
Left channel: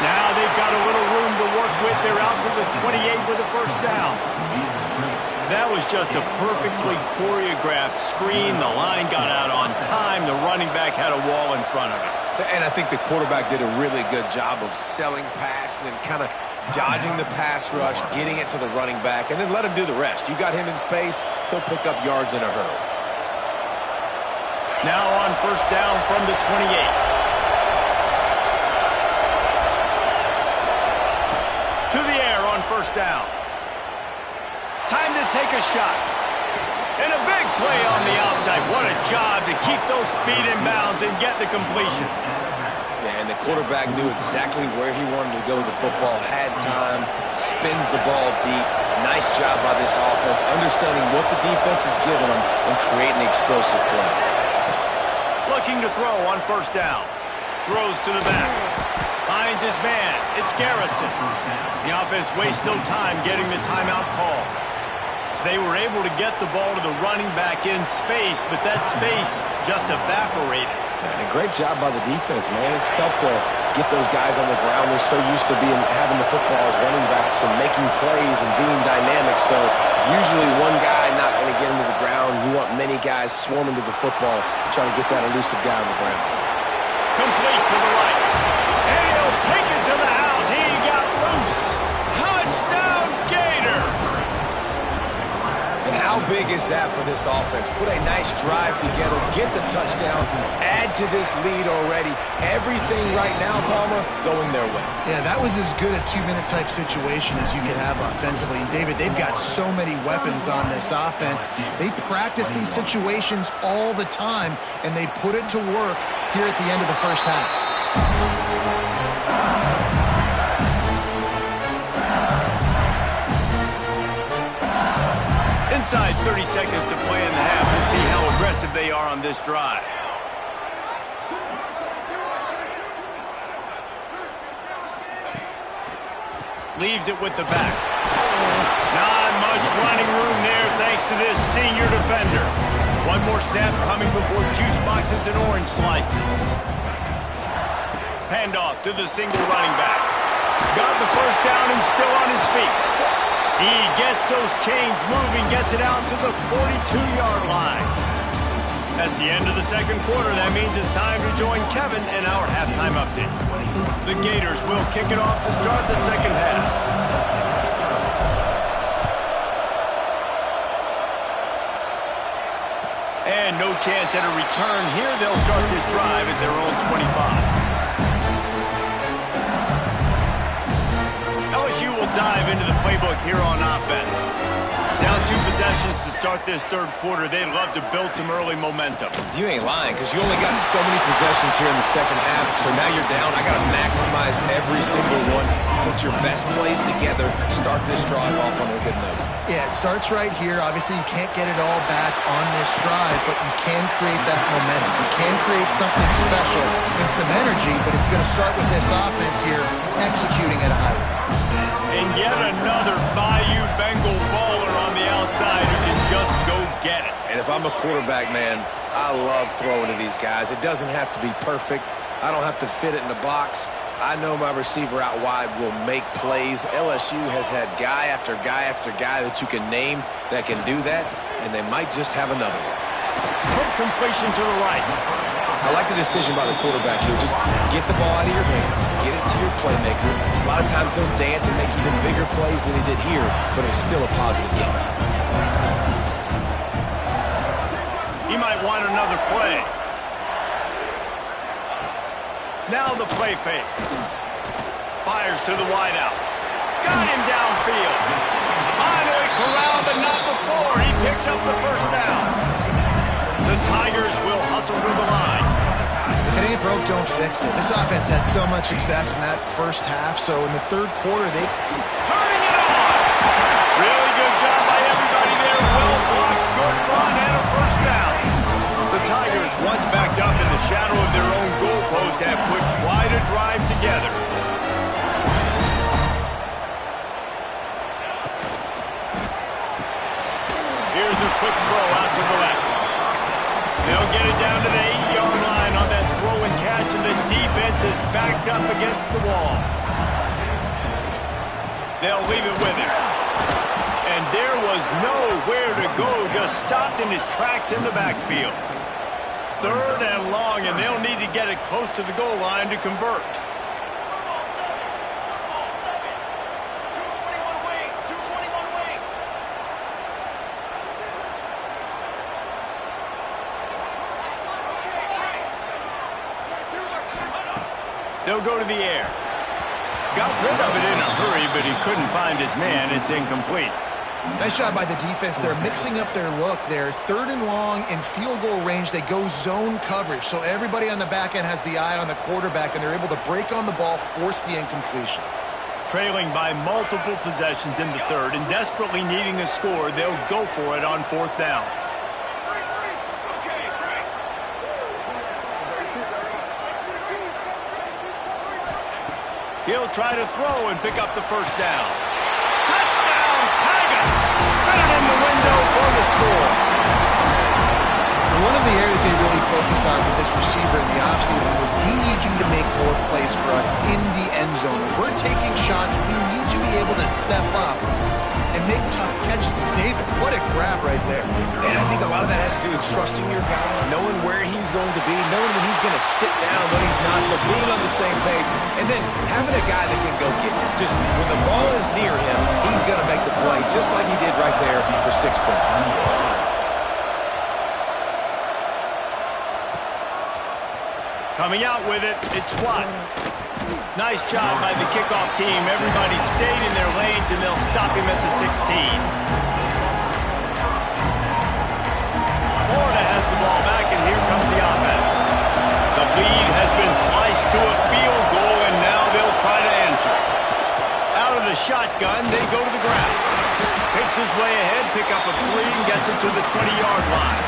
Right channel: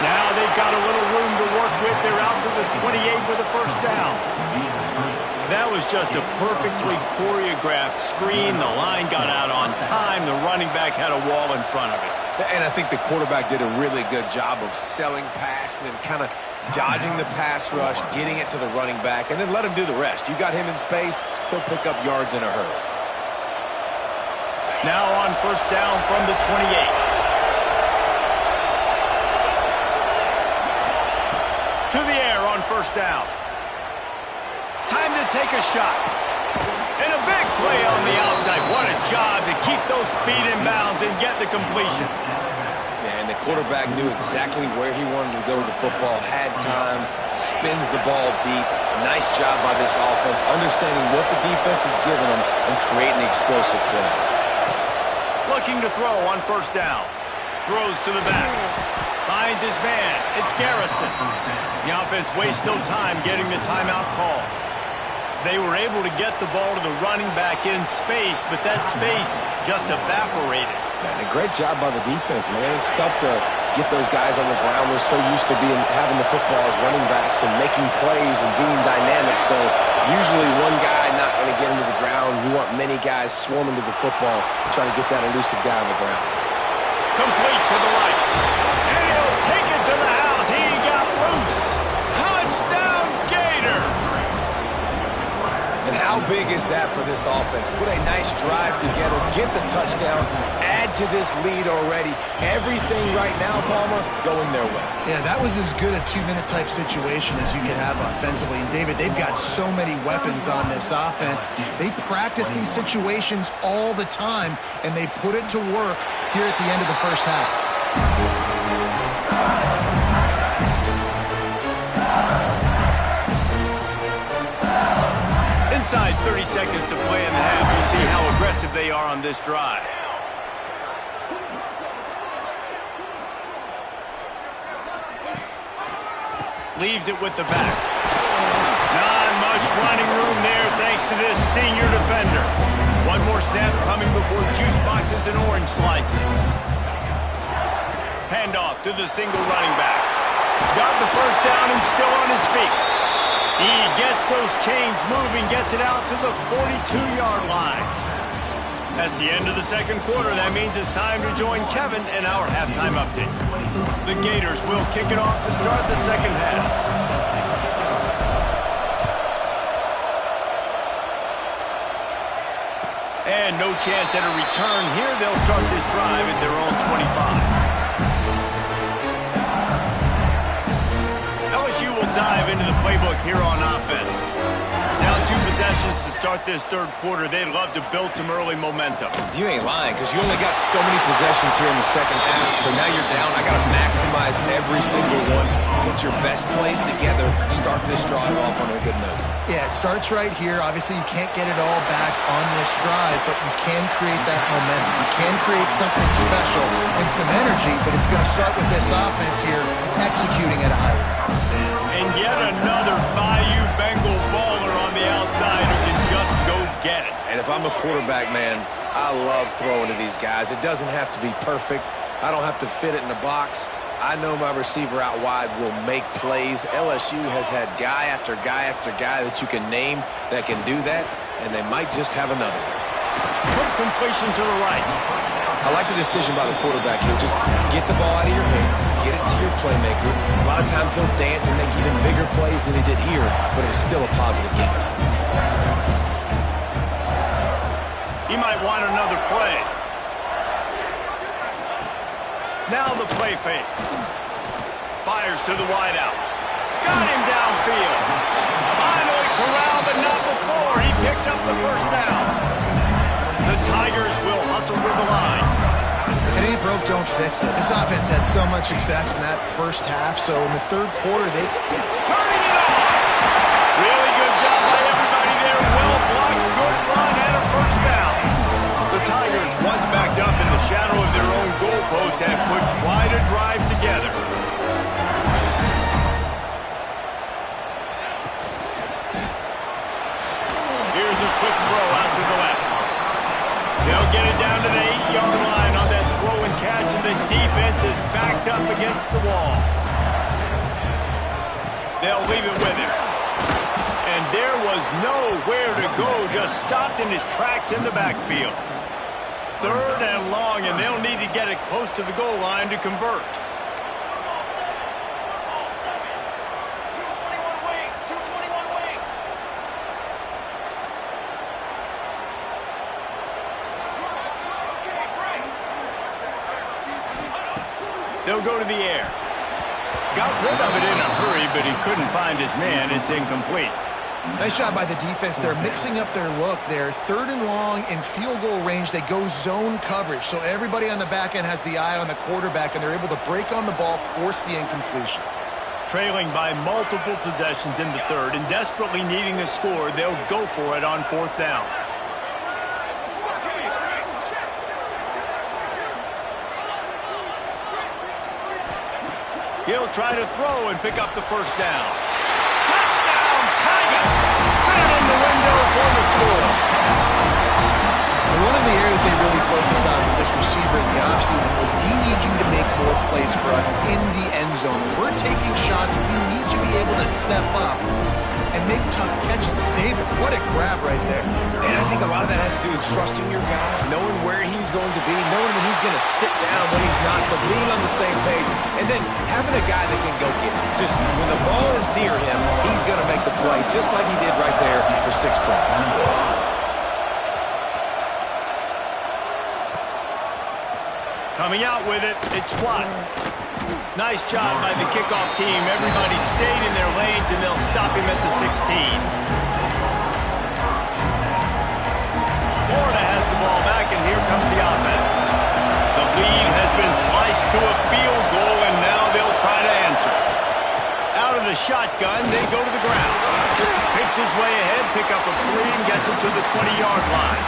Now they've got a little room to work with. They're out to the 28 with a 1st down. That was just a perfectly choreographed screen. The line got out on time. The running back had a wall in front of it. And I think the quarterback did a really good job of selling pass and then kind of dodging the pass rush, getting it to the running back, and then let him do the rest. You got him in space, he'll pick up yards in a hurry. Now on 1st down from the 28. To the air on 1st down. Time to take a shot. And a big play on the outside. What a job to keep those feet in bounds and get the completion. Yeah, and the quarterback knew exactly where he wanted to go with the football, had time, spins the ball deep. Nice job by this offense, understanding what the defense is giving them and creating the explosive play. Looking to throw on 1st down. Throws to the back. Finds his man. It's Garrison. The offense wastes no time getting the timeout call. They were able to get the ball to the running back in space, but that space just evaporated. And a great job by the defense, man. It's tough to get those guys on the ground. They're so used to having the football as running backs and making plays and being dynamic. So usually one guy not going to get into the ground. You want many guys swarming to the football, trying to get that elusive guy on the ground. Complete to the right. And he'll take it to the house. He got loose. Touchdown, Gators! And how big is that for this offense? Put a nice drive together, get the touchdown, add to this lead already. Everything right now, Palmer, going their way. Yeah, that was as good a 2-minute type situation as you could have offensively. And David, they've got so many weapons on this offense. They practice these situations all the time, and they put it to work here at the end of the 1st half. Inside 30 seconds to play in the half. We'll see how aggressive they are on this drive. Leaves it with the back. Not much running room there thanks to this senior defender. One more snap coming before juice boxes and orange slices. Handoff to the single running back. Got the 1st down and still on his feet. He gets those chains moving, gets it out to the 42-yard line. That's the end of the 2nd quarter. That means it's time to join Kevin in our halftime update. The Gators will kick it off to start the 2nd half. And no chance at a return here. They'll start this drive at their own 25. LSU will dive into the playbook here on offense. Down 2 possessions to start this 3rd quarter. They'd love to build some early momentum. You ain't lying, because you only got so many possessions here in the 2nd half, so now you're down. I got to maximize every single one. Put your best plays together. Start this drive off on a good note. Yeah, it starts right here. Obviously, you can't get it all back on this drive, but you can create that momentum. You can create something special and some energy, but it's going to start with this offense here executing at a high level. And yet another Bayou Bengal baller on the outside who can just go get it. And if I'm a quarterback, man, I love throwing to these guys. It doesn't have to be perfect. I don't have to fit it in the box. I know my receiver out wide will make plays. LSU has had guy after guy after guy that you can name that can do that, and they might just have another one. Quick completion to the right. I like the decision by the quarterback here. Just get the ball out of your hands. Get it to your playmaker. A lot of times he'll dance and make even bigger plays than he did here, but it was still a positive game. He might want another play. Now the play fake. Fires to the wideout. Got him downfield. Finally corralled, but not before. He picks up the 1st down. The Tigers will hustle to the line. If it ain't broke, don't fix it. This offense had so much success in that first half, so in the third quarter, they... Turning it on! Really good job by everybody there. Well blocked, good run, and a first down. The Tigers, once backed up in the shadow of their own goalpost, have put quite a drive together. Here's a quick throw out to the left. They'll get it down to the 8-yard line on that throw and catch, and the defense is backed up against the wall. They'll leave it with him. And there was nowhere to go, just stopped in his tracks in the backfield. Third and long, and they'll need to get it close to the goal line to convert. They'll go to the air. Got rid of it in a hurry, but he couldn't find his man. It's incomplete. Nice job by the defense. They're mixing up their look. They're third and long in field goal range. They go zone coverage, so everybody on the back end has the eye on the quarterback, and they're able to break on the ball, force the incompletion. Trailing by multiple possessions in the third and desperately needing a score, they'll go for it on fourth down. He'll try to throw and pick up the first down. Touchdown, Tigers! Fit it in the window for the score. One of the areas they really focused on with this receiver in the offseason was, we need you to make more plays for us in the end zone. When we're taking shots, we need you to be able to step up and make tough catches. David, what a grab right there. And I think a lot of that has to do with trusting your guy, knowing where he's going to be, knowing when he's going to sit down, when he's not, so being on the same page, and then having a guy that can go get it. Just when the ball is near him, he's going to make the play, just like he did right there for 6 points. Coming out with it, it's Watts. Nice job by the kickoff team. Everybody stayed in their lanes, and they'll stop him at the 16. Florida has the ball back, and here comes the offense. The lead has been sliced to a field goal, and now they'll try to answer. Out of the shotgun, they go to the ground. Picks his way ahead, pick up a 3, and gets it to the 20-yard line.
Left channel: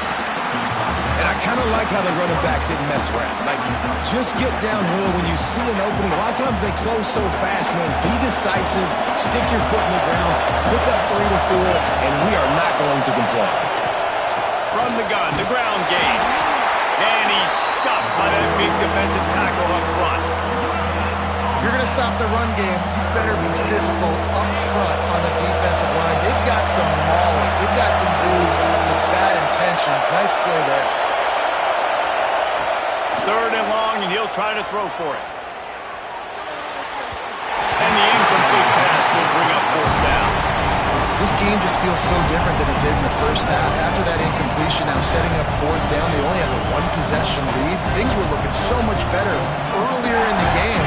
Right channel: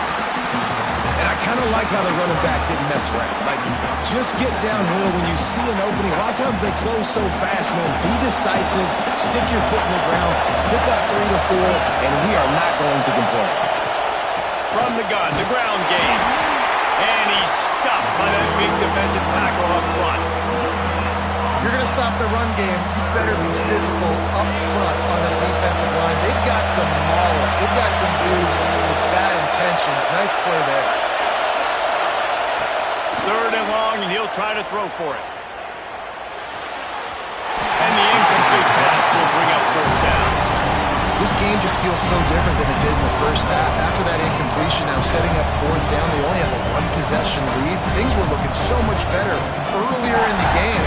And I kind of like how the running back didn't mess around. Like, just get downhill when you see an opening. A lot of times they close so fast, man. Be decisive, stick your foot in the ground, pick up 3 to 4, and we are not going to complain. From the gun, the ground game. And he's stuffed by that big defensive tackle up front. If you're going to stop the run game, you better be physical up front on the defensive line. They've got some maulers. They've got some dudes with bad intentions. Nice play there. Third and long, and he'll try to throw for it. And the incomplete pass will bring up fourth down. This game just feels so different than it did in the first half. After that incompletion, now setting up fourth down, they only have a 1-possession lead. Things were looking so much better earlier in the game.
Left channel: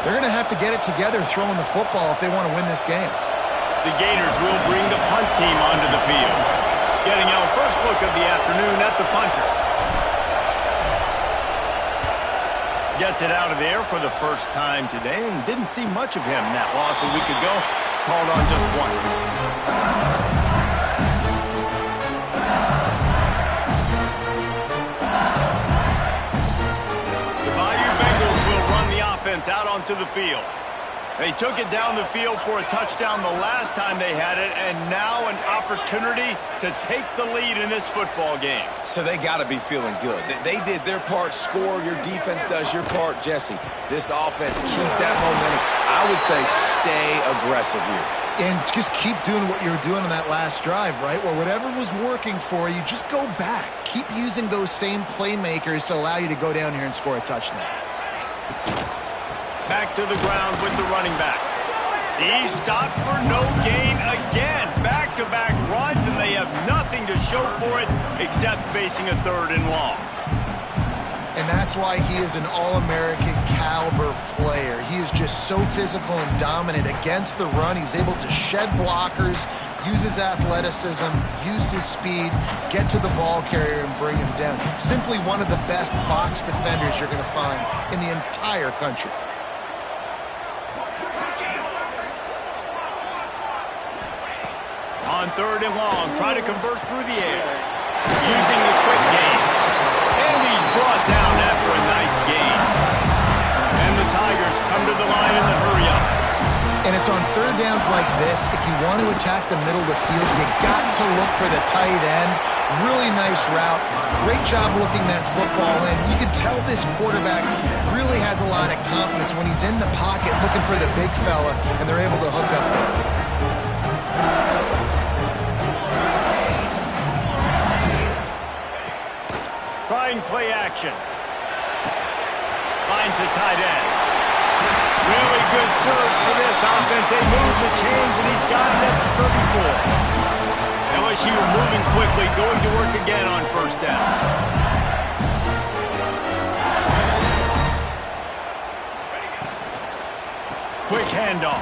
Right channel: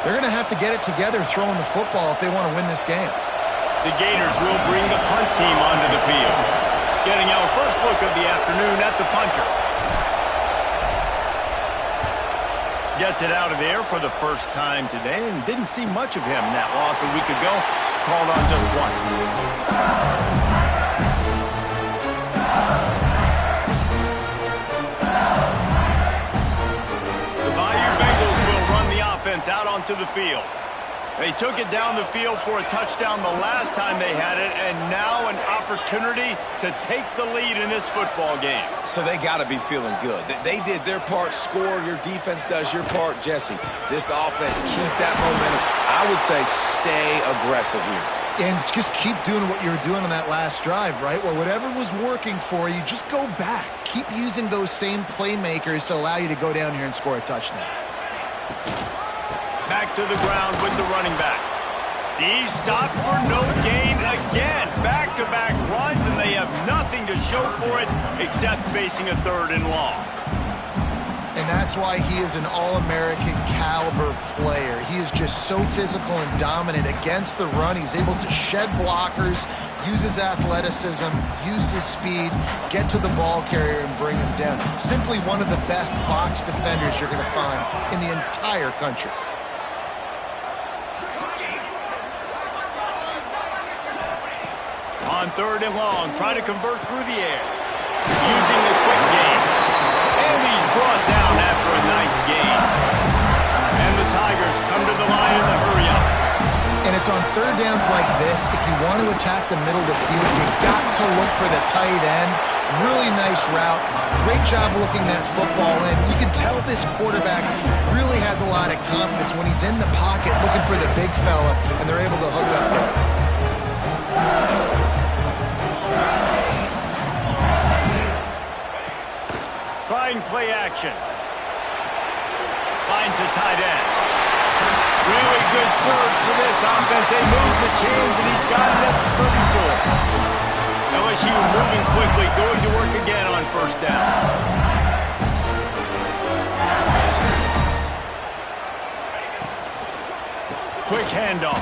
They're going to have to get it together throwing the football if they want to win this game. The Gators will bring the punt team onto the field. Getting our first look of the afternoon at the punter. Gets it out of the air for the first time today, and didn't see much of him in that loss a week ago. Called on just once. The Bayou Bengals will run the offense out onto the field. They took it down the field for a touchdown the last time they had it, and now an opportunity to take the lead in this football game. So they got to be feeling good. They did their part, score. Your defense does your part, Jesse. This offense, keep that momentum. I would say stay aggressive here. And just keep doing what you were doing on that last drive, right? Where whatever was working for you, just go back. Keep using those same playmakers to allow you to go down here and score a touchdown. Back to the ground with the running back. He's stopped for no gain again. Back-to-back runs, and they have nothing to show for it except facing a third and long. And that's why he is an All-American caliber player. He is just so physical and dominant against the run. He's able to shed blockers, use his athleticism, use his speed, get to the ball carrier and bring him down. Simply one of the best box defenders you're going to find in the entire country. On 3rd and long, try to convert through the air. Using the quick game. And he's brought down after a nice gain. And the Tigers come to the line in the hurry-up. And it's on 3rd downs like this. If you want to attack the middle of the field, you got to look for the tight end. Really nice route. Great job looking that football in. You can tell this quarterback really has a lot of confidence when he's in the pocket looking for the big fella, and they're able to hook up there. Trying play action. Finds the tight end. Really good surge for this offense. They move the chains, and he's got it at the 34. LSU moving quickly, going to work again on 1st down. Quick handoff.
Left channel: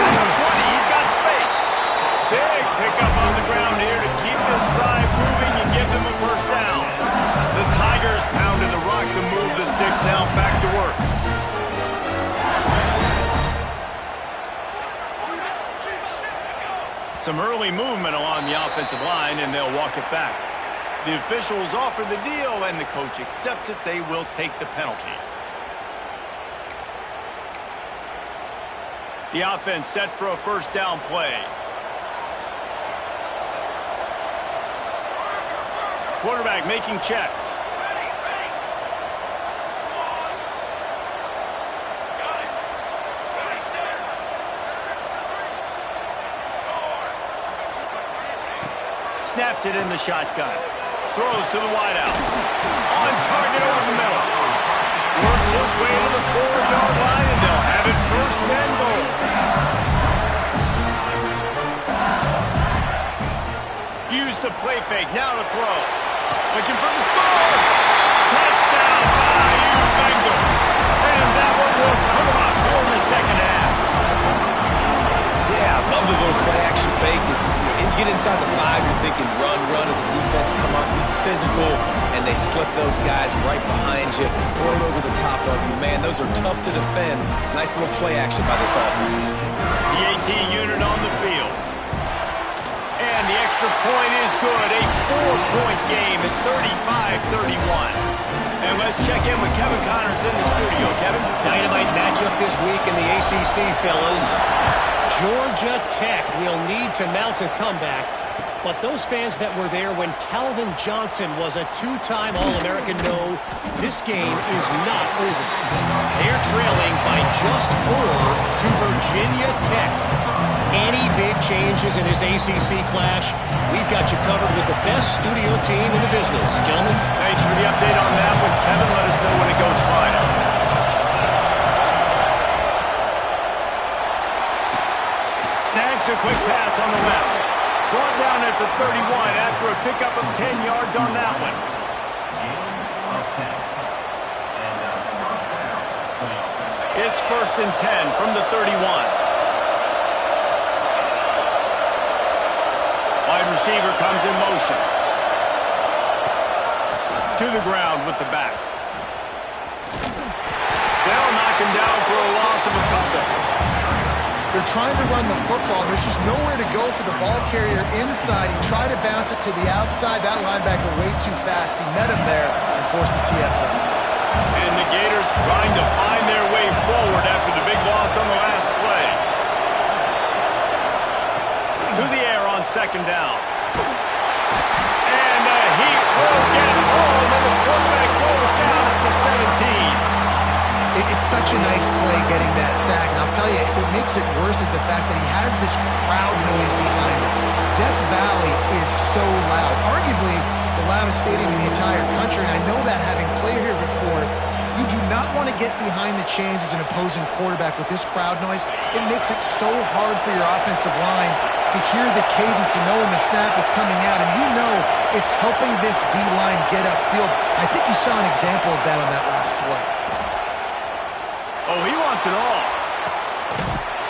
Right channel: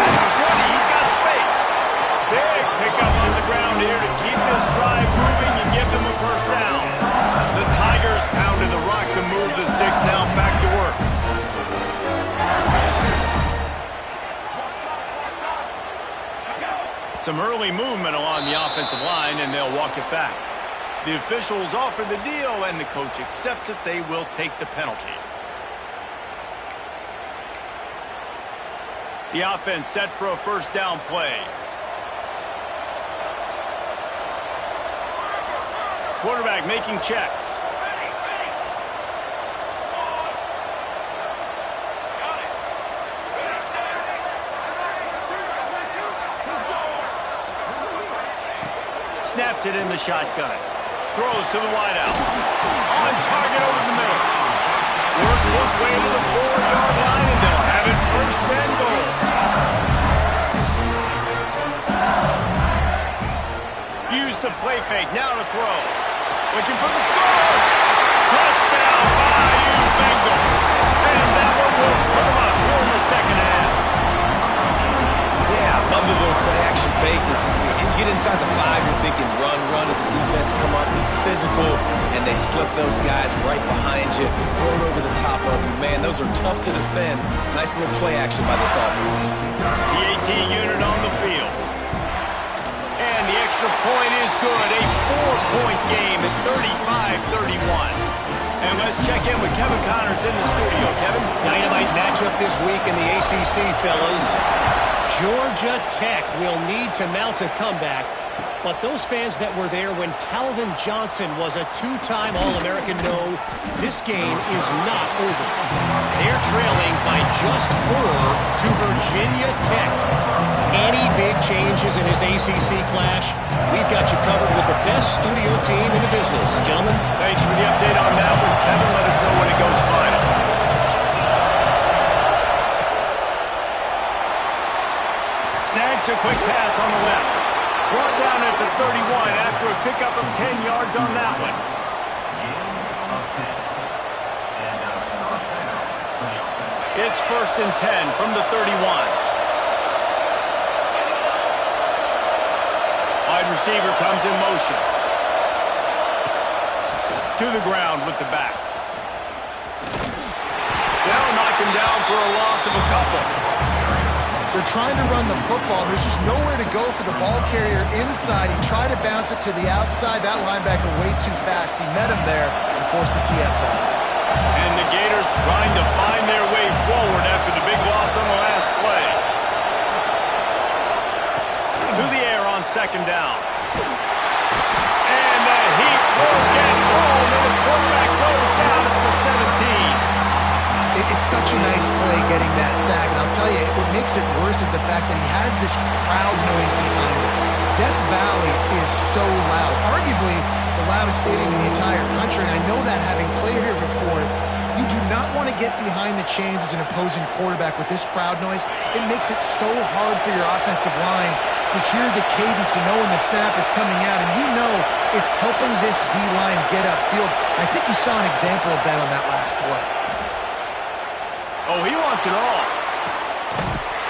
At the 20, he's got space. Big pickup on the ground here to keep this drive moving and give them a 1st down. The Tigers pounded the rock to move the sticks, now back to work. Some early movement along the offensive line, and they'll walk it back. The officials offer the deal, and the coach accepts it. They will take the penalty. The offense set for a 1st down play. Quarterback making checks. Snapped it in the shotgun. Throws to the wideout. On target over the middle. Works his way to the 4-yard line, and they'll have it 1st and goal. Use the play fake. Now to throw. Looking for the score. Touchdown, Bayou Bengals. And that one will put them up here in the 2nd half. Yeah, I love the little play-action fake. It's, you get inside the 5, you're thinking run as a defense, come on, be physical, and they slip those guys right behind you, throw it over the top of you. Man, those are tough to defend. Nice little play action by this offense. The AT unit on the field. And the extra point is good. A 4-point game at 35-31. And let's check in with Kevin Connors in the studio. Kevin? Dynamite matchup this week in the ACC, fellas. Georgia Tech will need to mount a comeback, but those fans that were there when Calvin Johnson was a 2-time All-American know this game is not over. They're trailing by just 4 to Virginia Tech. Any big changes in this ACC clash, we've got you covered with the best studio team in the business. Gentlemen. Thanks for the update on that one, Kevin. Let us know when it goes final. Snags a quick pass on the left. Brought down at the 31 after a pickup of 10 yards on that one. It's 1st and 10 from the 31. Wide receiver comes in motion. To the ground with the back. They'll knock him down for a loss of a couple. They're trying to run the football. There's just nowhere to go for the ball carrier inside. He tried to bounce it to the outside. That linebacker way too fast. He met him there and forced the TFL. And the Gators trying to find their way forward after the big loss on the last play. To the air on 2nd down. And the Heat will get home, and the quarterback goes down at the 17. It's such a nice play getting that sack, and I'll tell you, what makes it worse is the fact that he has this crowd noise behind him. Death Valley is so loud, arguably the loudest stadium in the entire country, and I know that having played here before. You do not want to get behind the chains as an opposing quarterback with this crowd noise. It makes it so hard for your offensive line to hear the cadence and know when the snap is coming out, and you know it's helping this D-line get upfield. I think you saw an example of that on that last play. Oh, he wants it all.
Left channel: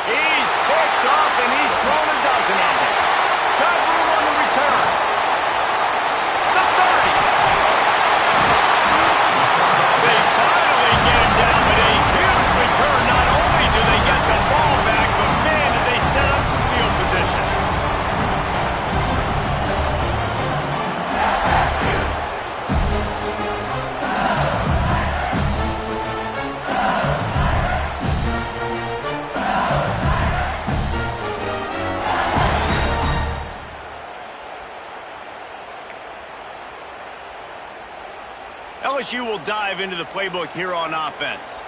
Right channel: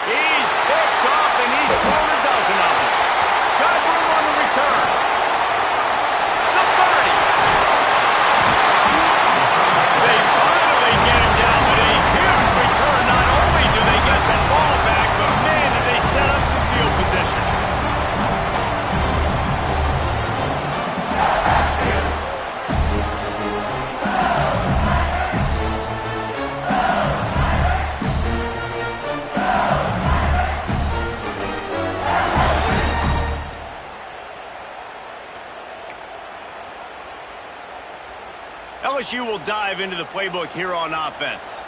He's picked off, and he's thrown a dozen of them. Got room on the return. The 30. They finally get him down with a huge return. Not only do they get the ball back, but man, did they set up some field position. LSU will dive into the playbook here on offense.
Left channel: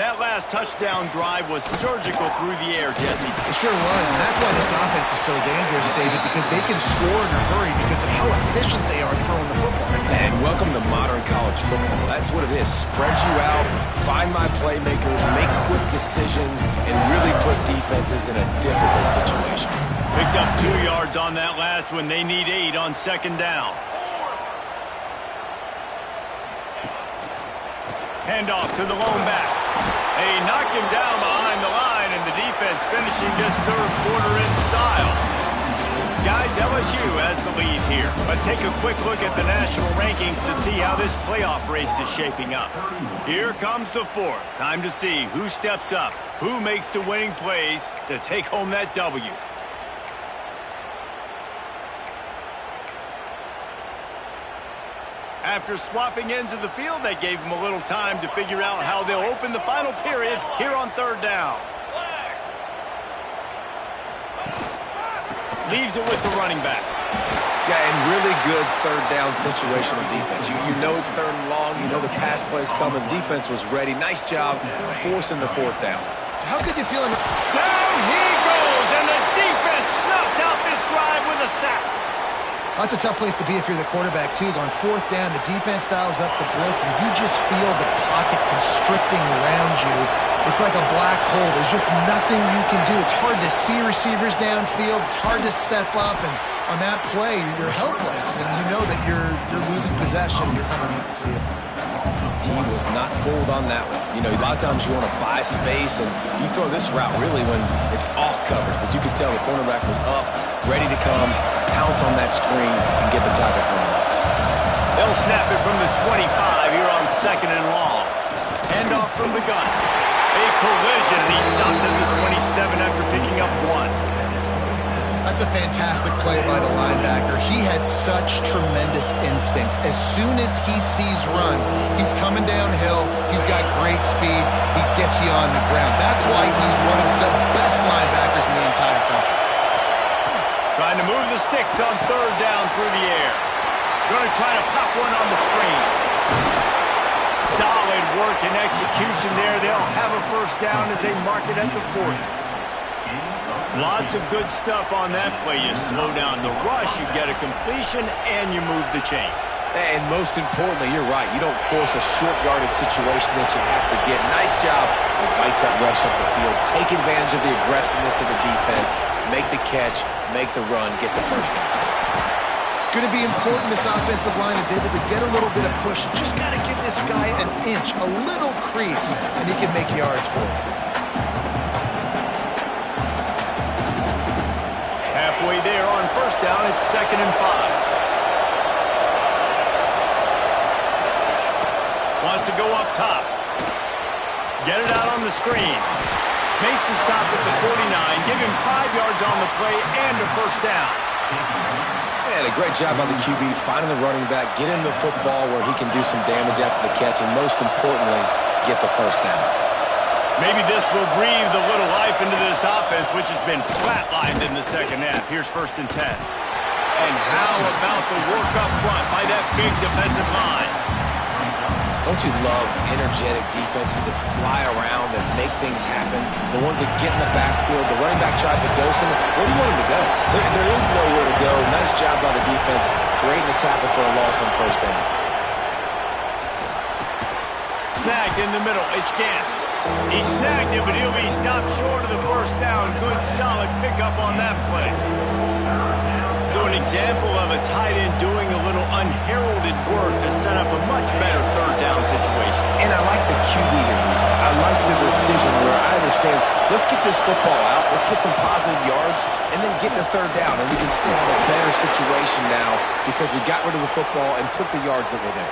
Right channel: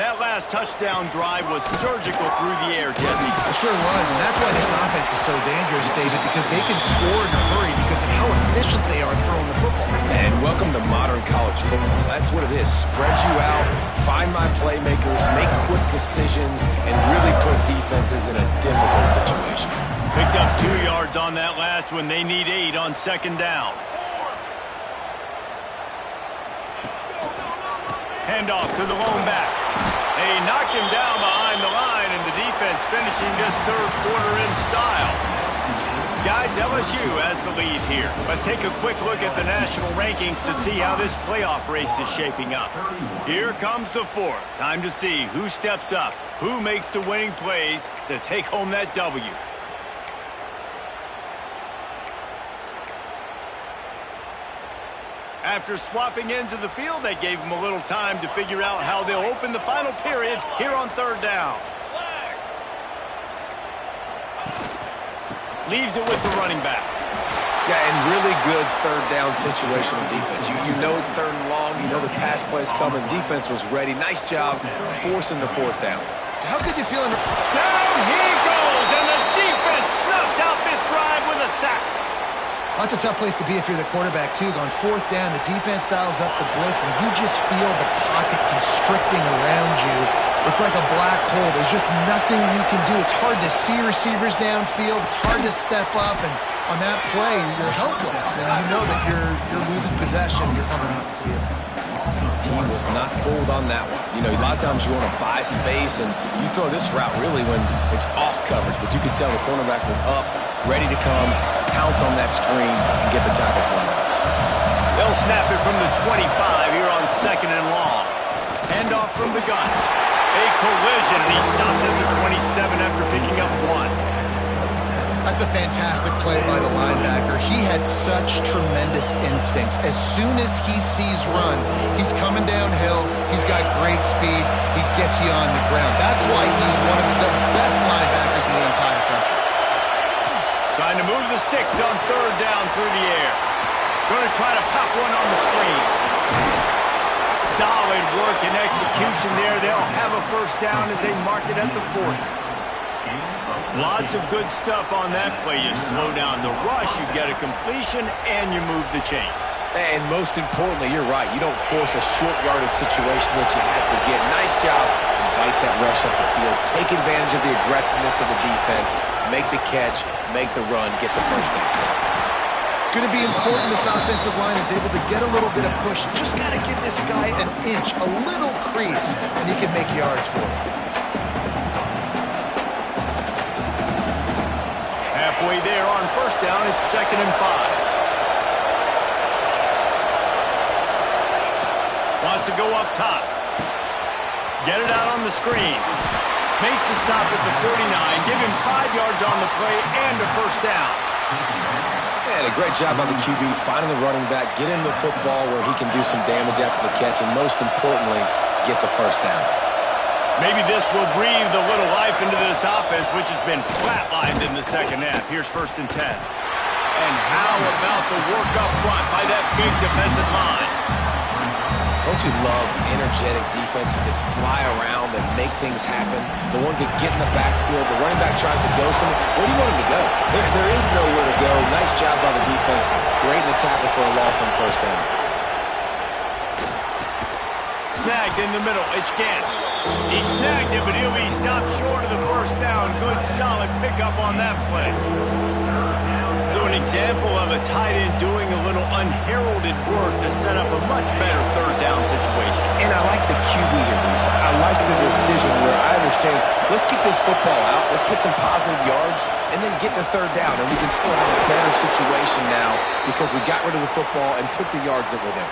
That last touchdown drive was surgical through the air, Jesse. It sure was, and that's why this offense is so dangerous, David, because they can score in a hurry because of how efficient they are throwing the football. And welcome to modern college football. That's what it is. Spread you out, find my playmakers, make quick decisions, and really put defenses in a difficult situation. Picked up 2 yards on that last one. They need 8 on second down. Handoff to the lone back. They knock him down behind the line, and the defense finishing this third quarter in style. Guys, LSU has the lead here. Let's take a quick look at the national rankings to see how this playoff race is shaping up. Here comes the fourth. Time to see who steps up, who makes the winning plays to take home that W. After swapping ends of the field, that gave them a little time to figure out how they'll open the final period here on third down. Leaves it with the running back. Yeah, and really good third down situational defense. You know it's third and long. You know the pass play's coming. Defense was ready. Nice job forcing the fourth down. So how could you feel? Down he goes, and the defense snuffs out this drive with a sack. That's a tough place to be if you're the quarterback, too. On fourth down, the defense dials up the blitz, and you just feel the pocket constricting around you. It's like a black hole. There's just nothing you can do. It's hard to see receivers downfield. It's hard to step up, and on that play, you're helpless, and you know that you're losing possession. You're coming off the field. He was not fooled on that one. You know, a lot of times you want to buy space, and you throw this route really when it's off coverage, but you could tell the cornerback was up, ready to come, pounce on that screen, and get the tackle for a loss. They'll snap it from the 25 here on second and long. Handoff from the gun. A collision, and he stopped at the 27 after picking up 1. That's a fantastic play by the linebacker. He has such tremendous instincts. As soon as he sees run, he's coming downhill. He's got great speed. He gets you on the ground. That's why he's one of the best linebackers in the entire country. Trying to move the sticks on third down through the air. Going to try to pop one on the screen. Solid work and execution there. They'll have a first down as they mark it at the 40. Lots of good stuff on that play. You slow down the rush, you get a completion, and you move the chains. And most importantly, you're right. You don't force a short yardage situation that you have to get. Nice job. Invite that rush up the field. Take advantage of the aggressiveness of the defense. Make the catch. Make the run. Get the first down. It's going to be important this offensive line is able to get a little bit of push. Just got to give this guy an inch, a little crease, and he can make yards for it. Halfway there on first down, it's 2nd and 5. Wants to go up top. Get it out on the screen. Makes the stop at the 49. Give him 5 yards on the play and a first down. And a great job by the QB finding the running back, get him the football where he can do some damage after the catch, and most importantly, get the first down. Maybe this will breathe a little life into this offense, which has been flatlined in the second half. Here's 1st and 10. And how about the work up front by that big defensive line? Don't you love energetic defenses that fly around, that make things happen? The ones that get in the backfield, the running back tries to go somewhere. Where do you want him to go? There is nowhere to go. Nice job by the defense, creating the tackle for a loss on first down. snagged in the middle. It's Gant. He snagged it, but he'll be stopped short of the first down. Good, solid pickup on that play. So an example of a tight end doing a little unheralded work to set up a much better third down situation. And I like the QB here, Reese. I like the decision where I understand, let's get this football out, let's get some positive yards, and then get to third down, and we can still have a better situation now because we got rid of the football and took the yards that were there.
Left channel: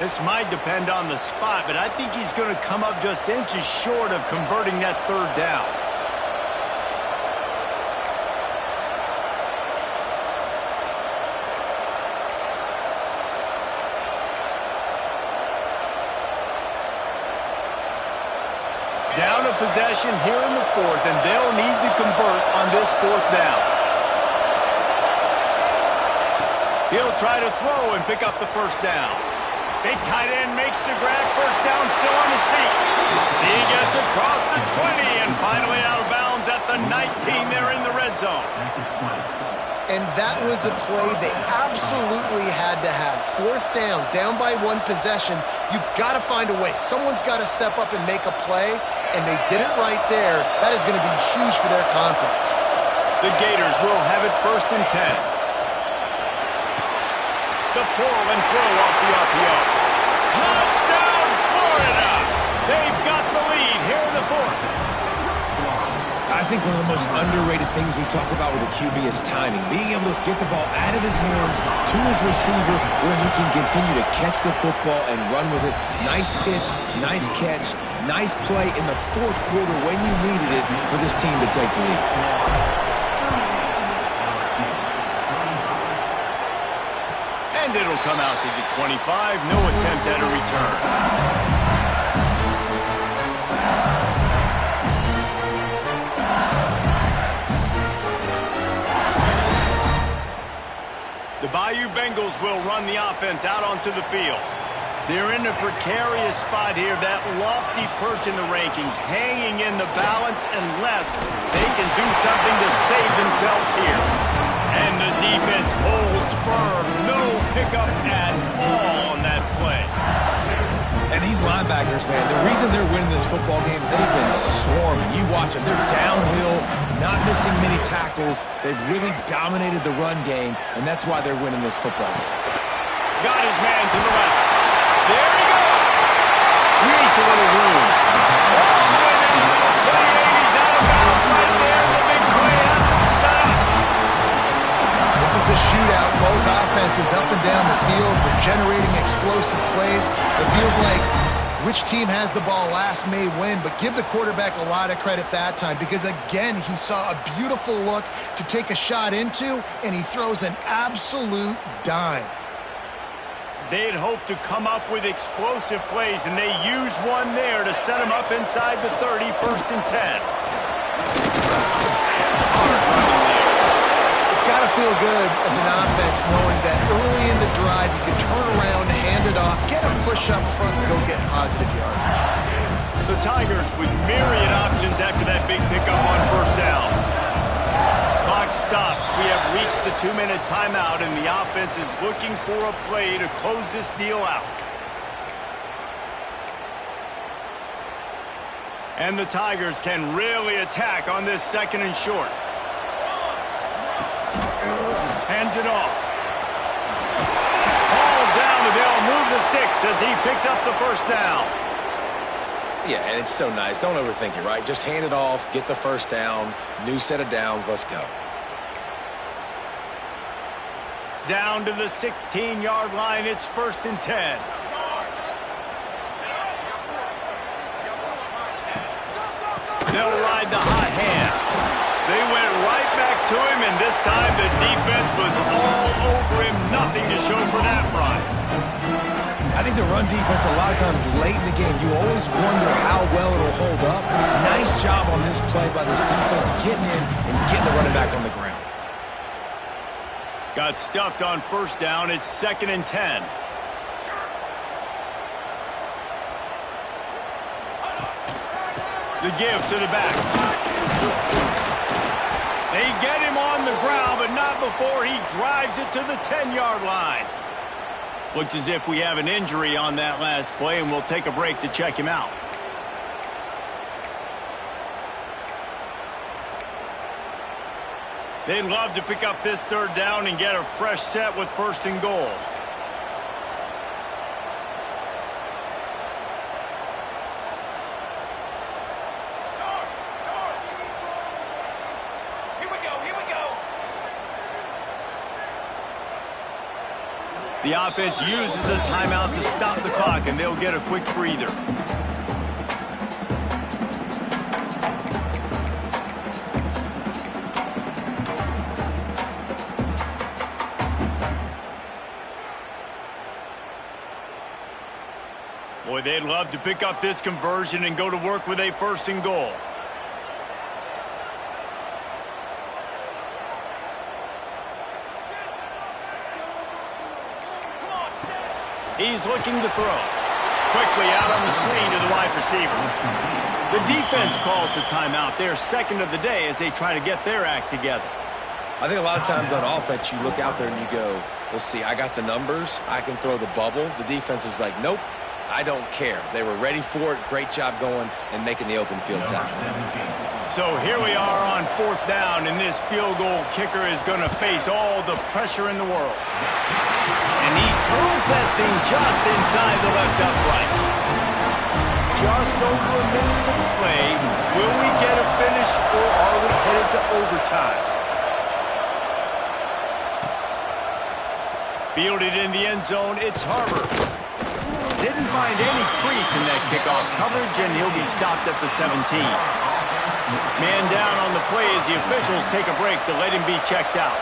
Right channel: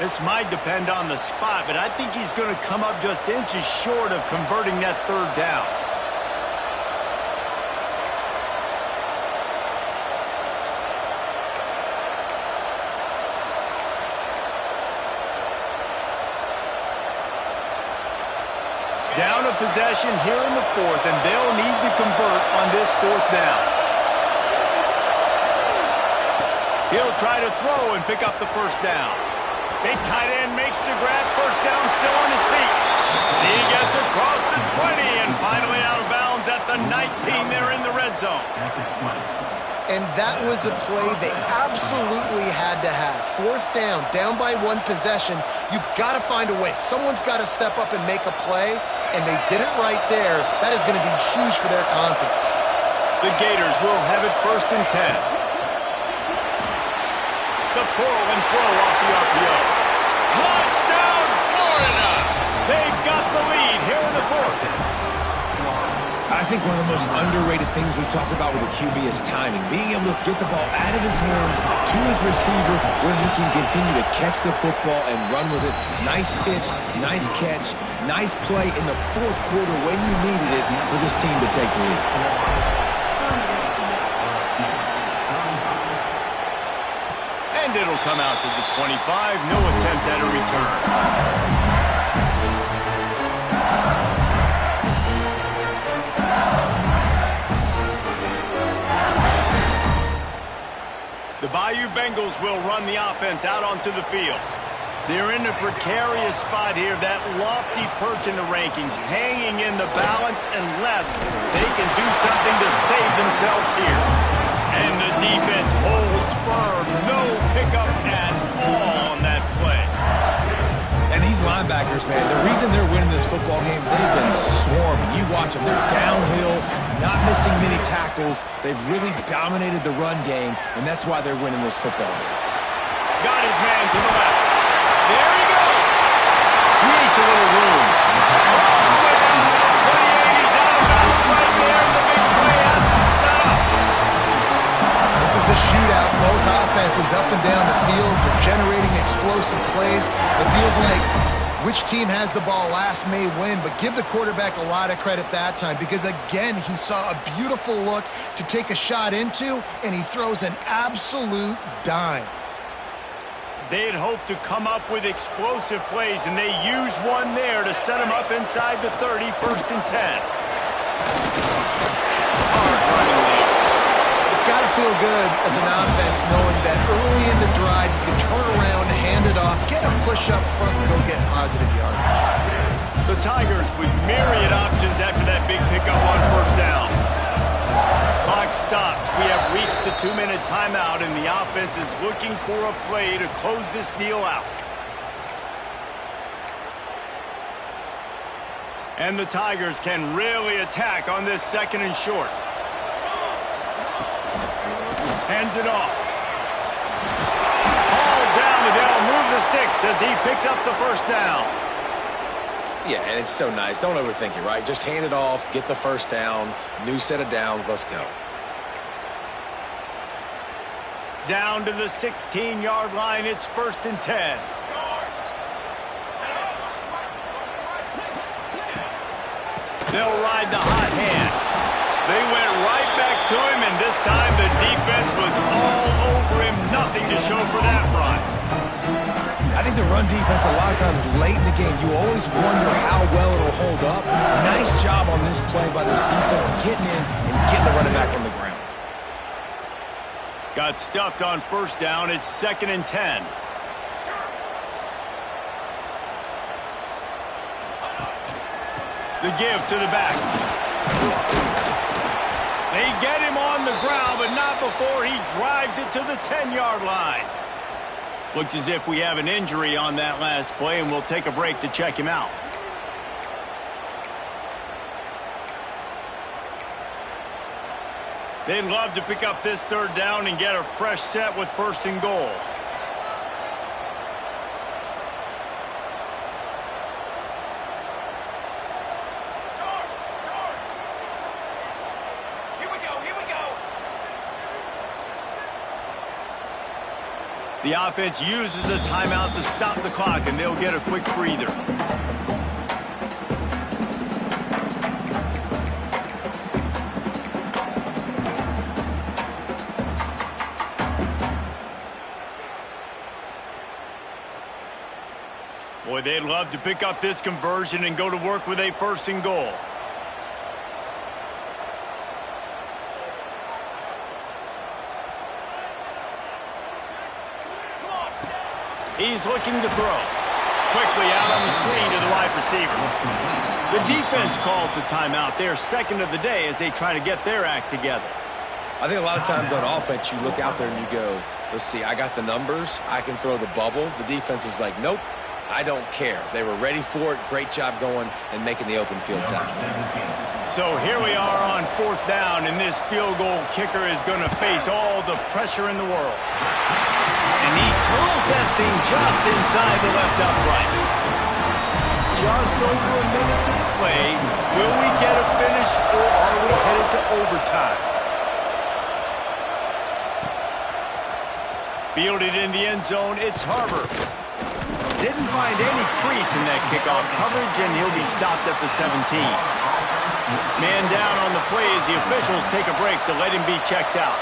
This might depend on the spot, but I think he's going to come up just inches short of converting that third down. Down a possession here in the fourth, and they'll need to convert on this fourth down. He'll try to throw and pick up the first down. Big tight end makes the grab. First down, still on his feet. He gets across the 20 and finally out of bounds at the 19. They're in the red zone. And that was a play they absolutely had to have. Fourth down, down by one possession. You've got to find a way. Someone's got to step up and make a play, and they did it right there. That is going to be huge for their confidence. The Gators will have it first and 10. The pull and throw off the RPO. Touchdown, Florida! They've got the lead here in the fourth. I think one of the most underrated things we talk about with a QB is timing. Being able to get the ball out of his hands to his receiver where he can continue to catch the football and run with it. Nice pitch, nice catch, nice play in the fourth quarter when you needed it for this team to take the lead. And it'll come out to the 25. No attempt at a return. The Bayou Bengals will run the offense out onto the field. They're in a precarious spot here, that lofty perch in the rankings, hanging in the balance unless they can do something to save themselves here. And the defense holds firm. No pickup at all on that play. And these linebackers, man, the reason they're winning this football game is they've been swarming. You watch them. They're downhill, not missing many tackles. They've really dominated the run game, and that's why they're winning this football game. Got his man to the left. There he goes. Creates a little room. All the way down to the 28. He's out of bounds right there. The big play has him set up. This is a shootout. Both offenses up and down the field. They're generating explosive plays. It feels like which team has the ball last may win, but give the quarterback a lot of credit that time because, again, he saw a beautiful look to take a shot into, and he throws an absolute dime. They had hoped to come up with explosive plays, and they used one there to set them up inside the 30, first and 10. Hard running there. It's got to feel good as an offense knowing that early in the drive you can turn around, hand it off, get a push up front, and go get positive yardage. The Tigers with myriad options after that big pickup on first down. Clock stops. We have reached the 2-minute timeout, and the offense is looking for a play to close this deal out. And the Tigers can really attack on this second and short. Hands it off. Ball down, and they'll move the sticks as he picks up the first down. Yeah, and it's so nice. Don't overthink it, right? Just hand it off, get the first down, new set of downs, let's go. Down to the 16-yard line, it's first and 10. They'll ride the hot hand. They went right back to him, and this time the defense was all over him. Nothing to show for that run. I think the run defense, a lot of times late in the game, you always wonder how well it'll hold up. Nice job on this play by this defense getting in and getting the running back on the ground. Got stuffed on first down. It's second and 10. The give to the back. They get him on the ground, but not before he drives it to the 10-yard line. Looks as if we have an injury on that last play, and we'll take a break to check him out. They'd love to pick up this third down and get a fresh set with 1st and goal. The offense uses a timeout to stop the clock, and they'll get a quick breather. Boy, they'd love to pick up this conversion and go to work with a 1st and goal. He's looking to throw. Quickly out on the screen to the wide receiver. The defense calls the timeout. They're 2nd of the day as they try to get their act together. I think a lot of times on offense, you look out there and you go, let's see, I got the numbers. I can throw the bubble. The defense is like, nope, I don't care. They were ready for it. Great job going and making the open field tackle. So here we are on 4th down, and this field goal kicker is going to face all the pressure in the world. And he curls that thing just inside the left upright. Just over a minute to play. Will we get a finish, or are we headed to overtime? Fielded in the end zone, it's Harbour. Didn't find any crease in that kickoff coverage, and he'll be stopped at the 17. Man down on the play as the officials take a break to let him be checked out.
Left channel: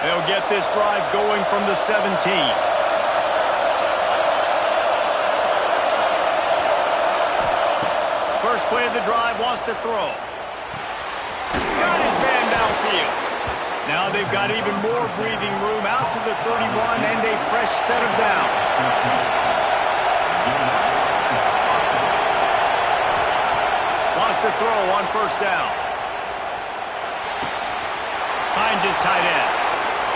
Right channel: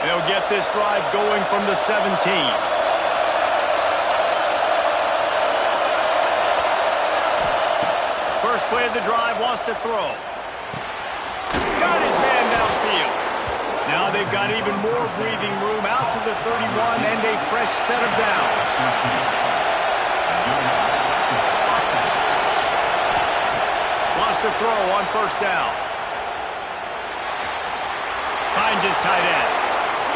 They'll get this drive going from the 17. First play of the drive, wants to throw. Got his man downfield. Now they've got even more breathing room out to the 31 and a fresh set of downs. Wants to throw on 1st down. Finds his tight end.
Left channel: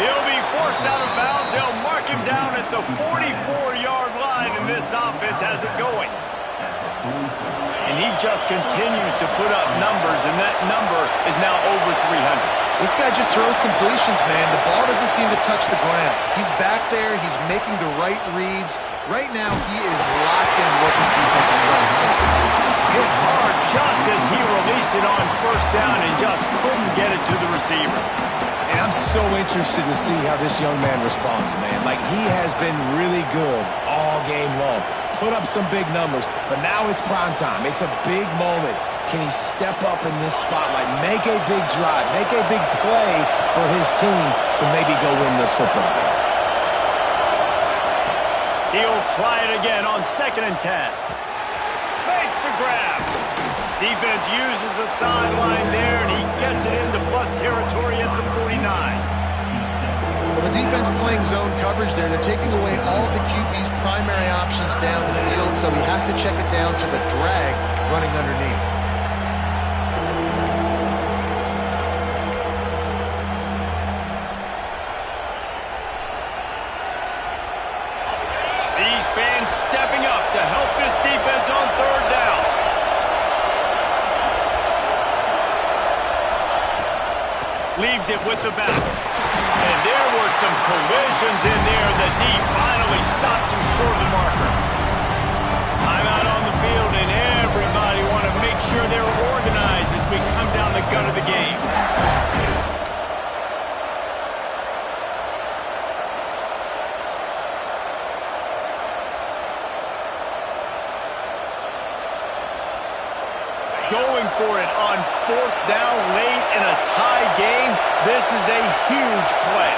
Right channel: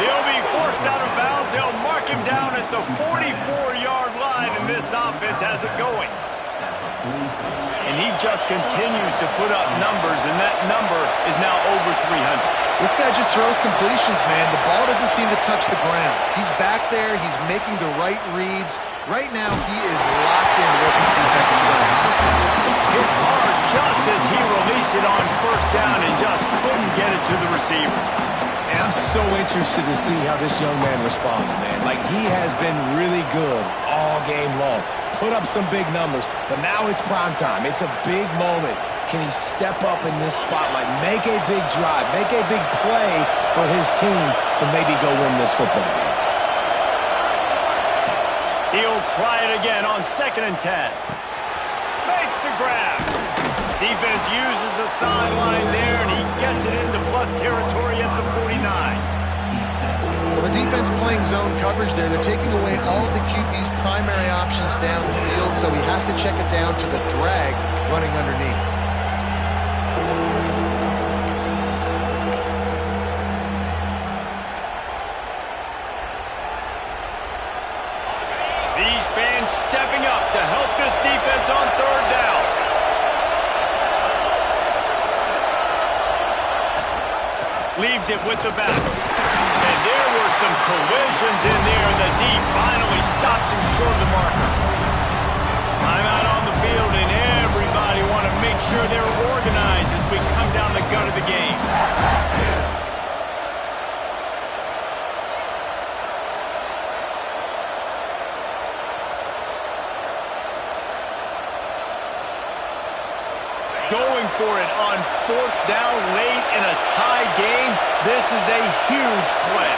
He'll be forced out of bounds. They'll mark him down at the 44-yard line, and this offense has it going. And he just continues to put up numbers, and that number is now over 300. This guy just throws completions, man. The ball doesn't seem to touch the ground. He's back there. He's making the right reads. Right now, he is locked into what this defense is trying to do. Hit hard just as he released it on 1st down and just couldn't get it to the receiver. And I'm so interested to see how this young man responds, man. Like, he has been really good all game long. Put up some big numbers, but now it's prime time. It's a big moment. Can he step up in this spotlight, make a big drive, make a big play for his team to maybe go win this football game? He'll try it again on 2nd and 10. Makes the grab. Defense uses a sideline there, and he gets it into plus territory at the 49. Well, the defense playing zone coverage there. They're taking away all of the QB's primary options down the field, so he has to check it down to the drag running underneath. These fans stepping up to help this defense on 3rd down. Leaves it with the back. And there were some collisions in there, and the D finally stops him short of the marker. Timeout on the field, and everybody want to make sure they're organized as we come down the gut of the game. Going for it on 4th down late in a tie game. This is a huge play.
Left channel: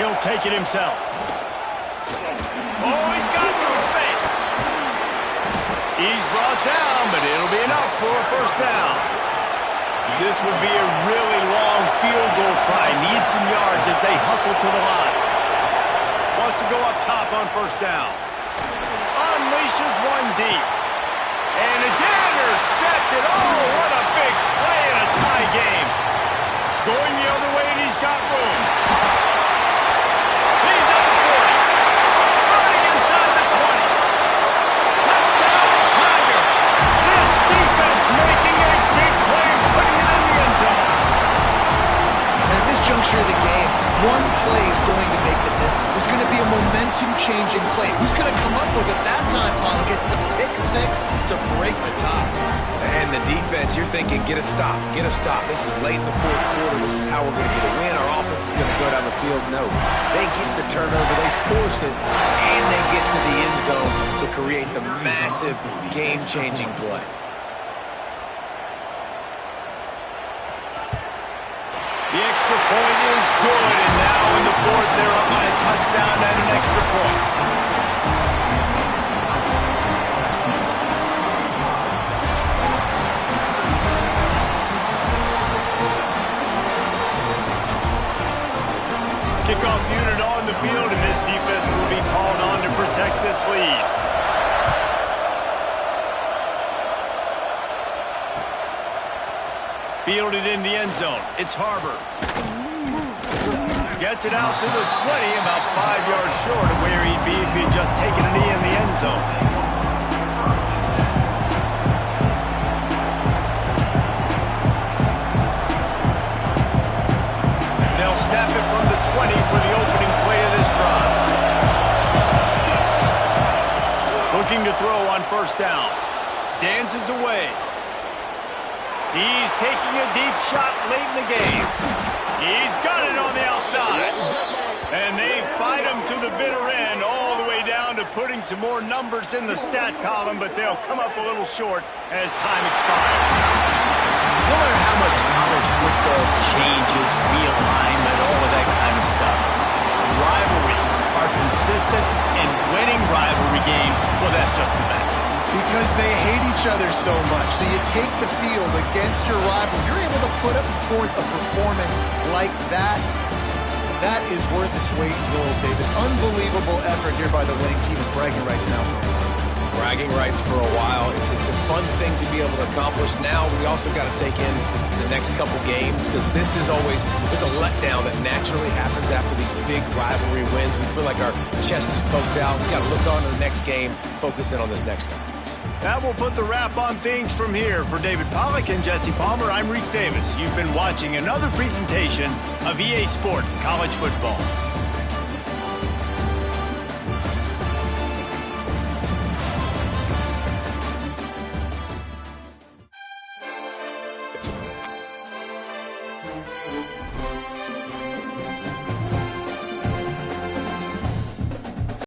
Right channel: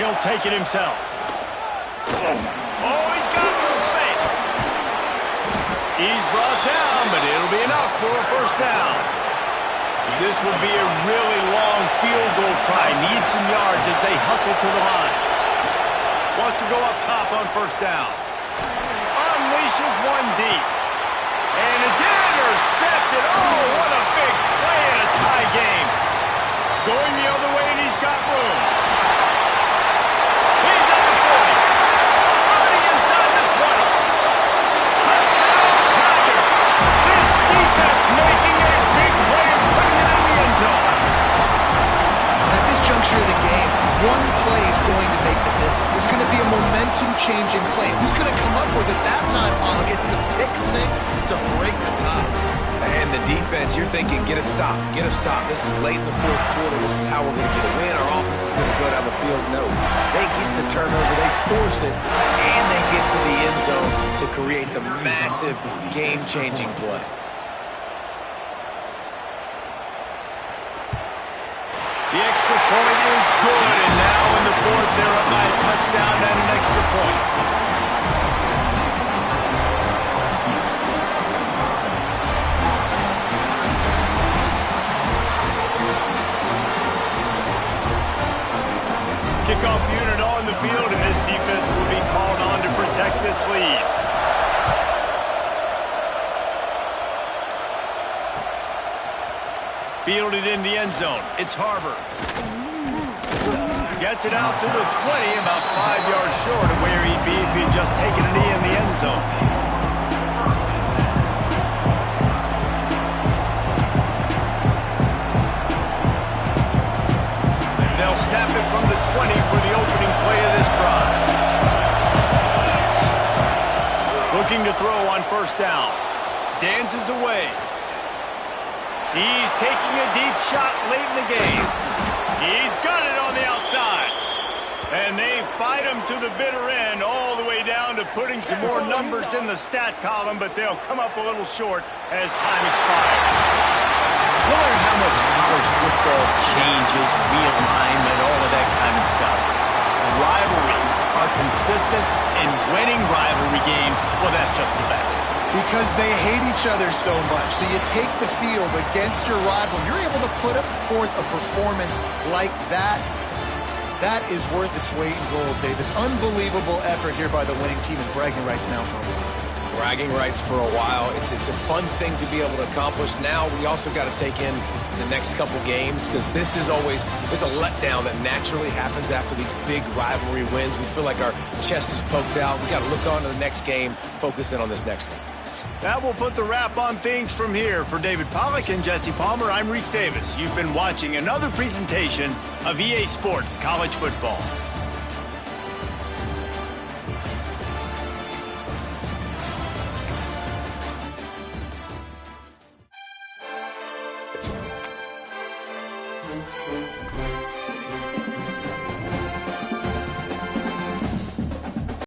He'll take it himself. Oh, he's got some space. He's brought down, but it'll be enough for a 1st down. This would be a really long field goal try. Needs some yards as they hustle to the line. Wants to go up top on 1st down. Unleashes one deep. And it's intercepted. Oh, what a big play in a tie game. Going the other way, and he's got room. He's at the 40. Running inside the 20. Touchdown, Tiger. This defense making a big play and putting it in the end zone. And at this juncture of the game, one play is going to make the difference. It's going to be a momentum-changing play. Who's going to come up with it that time, Paul? Gets the pick six to break the tie. And the defense, you're thinking, get a stop, get a stop. This is late in the fourth quarter. This is how we're going to get a win. Our offense is going to go down the field. No, they get the turnover, they force it, and they get to the end zone to create the massive game-changing play. The extra point is good, and now in the fourth, they're up by a touchdown and an extra point. Kickoff unit on the field, and this defense will be called on to protect this lead. Fielded in the end zone. It's Harbor. Gets it out to the 20, about 5 yards short of where he'd be if he'd just taken a knee in the end zone. Snap it from the 20 for the opening play of this drive. Looking to throw on first down. Dances away. He's taking a deep shot late in the game. He's got it on the outside. And they fight him to the bitter end, all the way down to putting some more numbers in the stat column, but they'll come up a little short as time expires. No matter how much college football changes, realignment, all of that kind of stuff, rivalries are consistent, and winning rivalry games, well, that's just the best. Because they hate each other so much. So you take the field against your rival. You're able to put forth a performance like that. That is worth its weight in gold, David. Unbelievable effort here by the winning team, and bragging rights now for a while. Bragging rights for a while. It's a fun thing to be able to accomplish. Now we also got to take in the next couple games, because this is always, there's a letdown that naturally happens after these big rivalry wins. We feel like our chest is poked out. We got to look on to the next game, focus in on this next one. That will put the wrap on things from here. For David Pollack and Jesse Palmer, I'm Reese Davis. You've been watching another presentation of EA Sports College Football.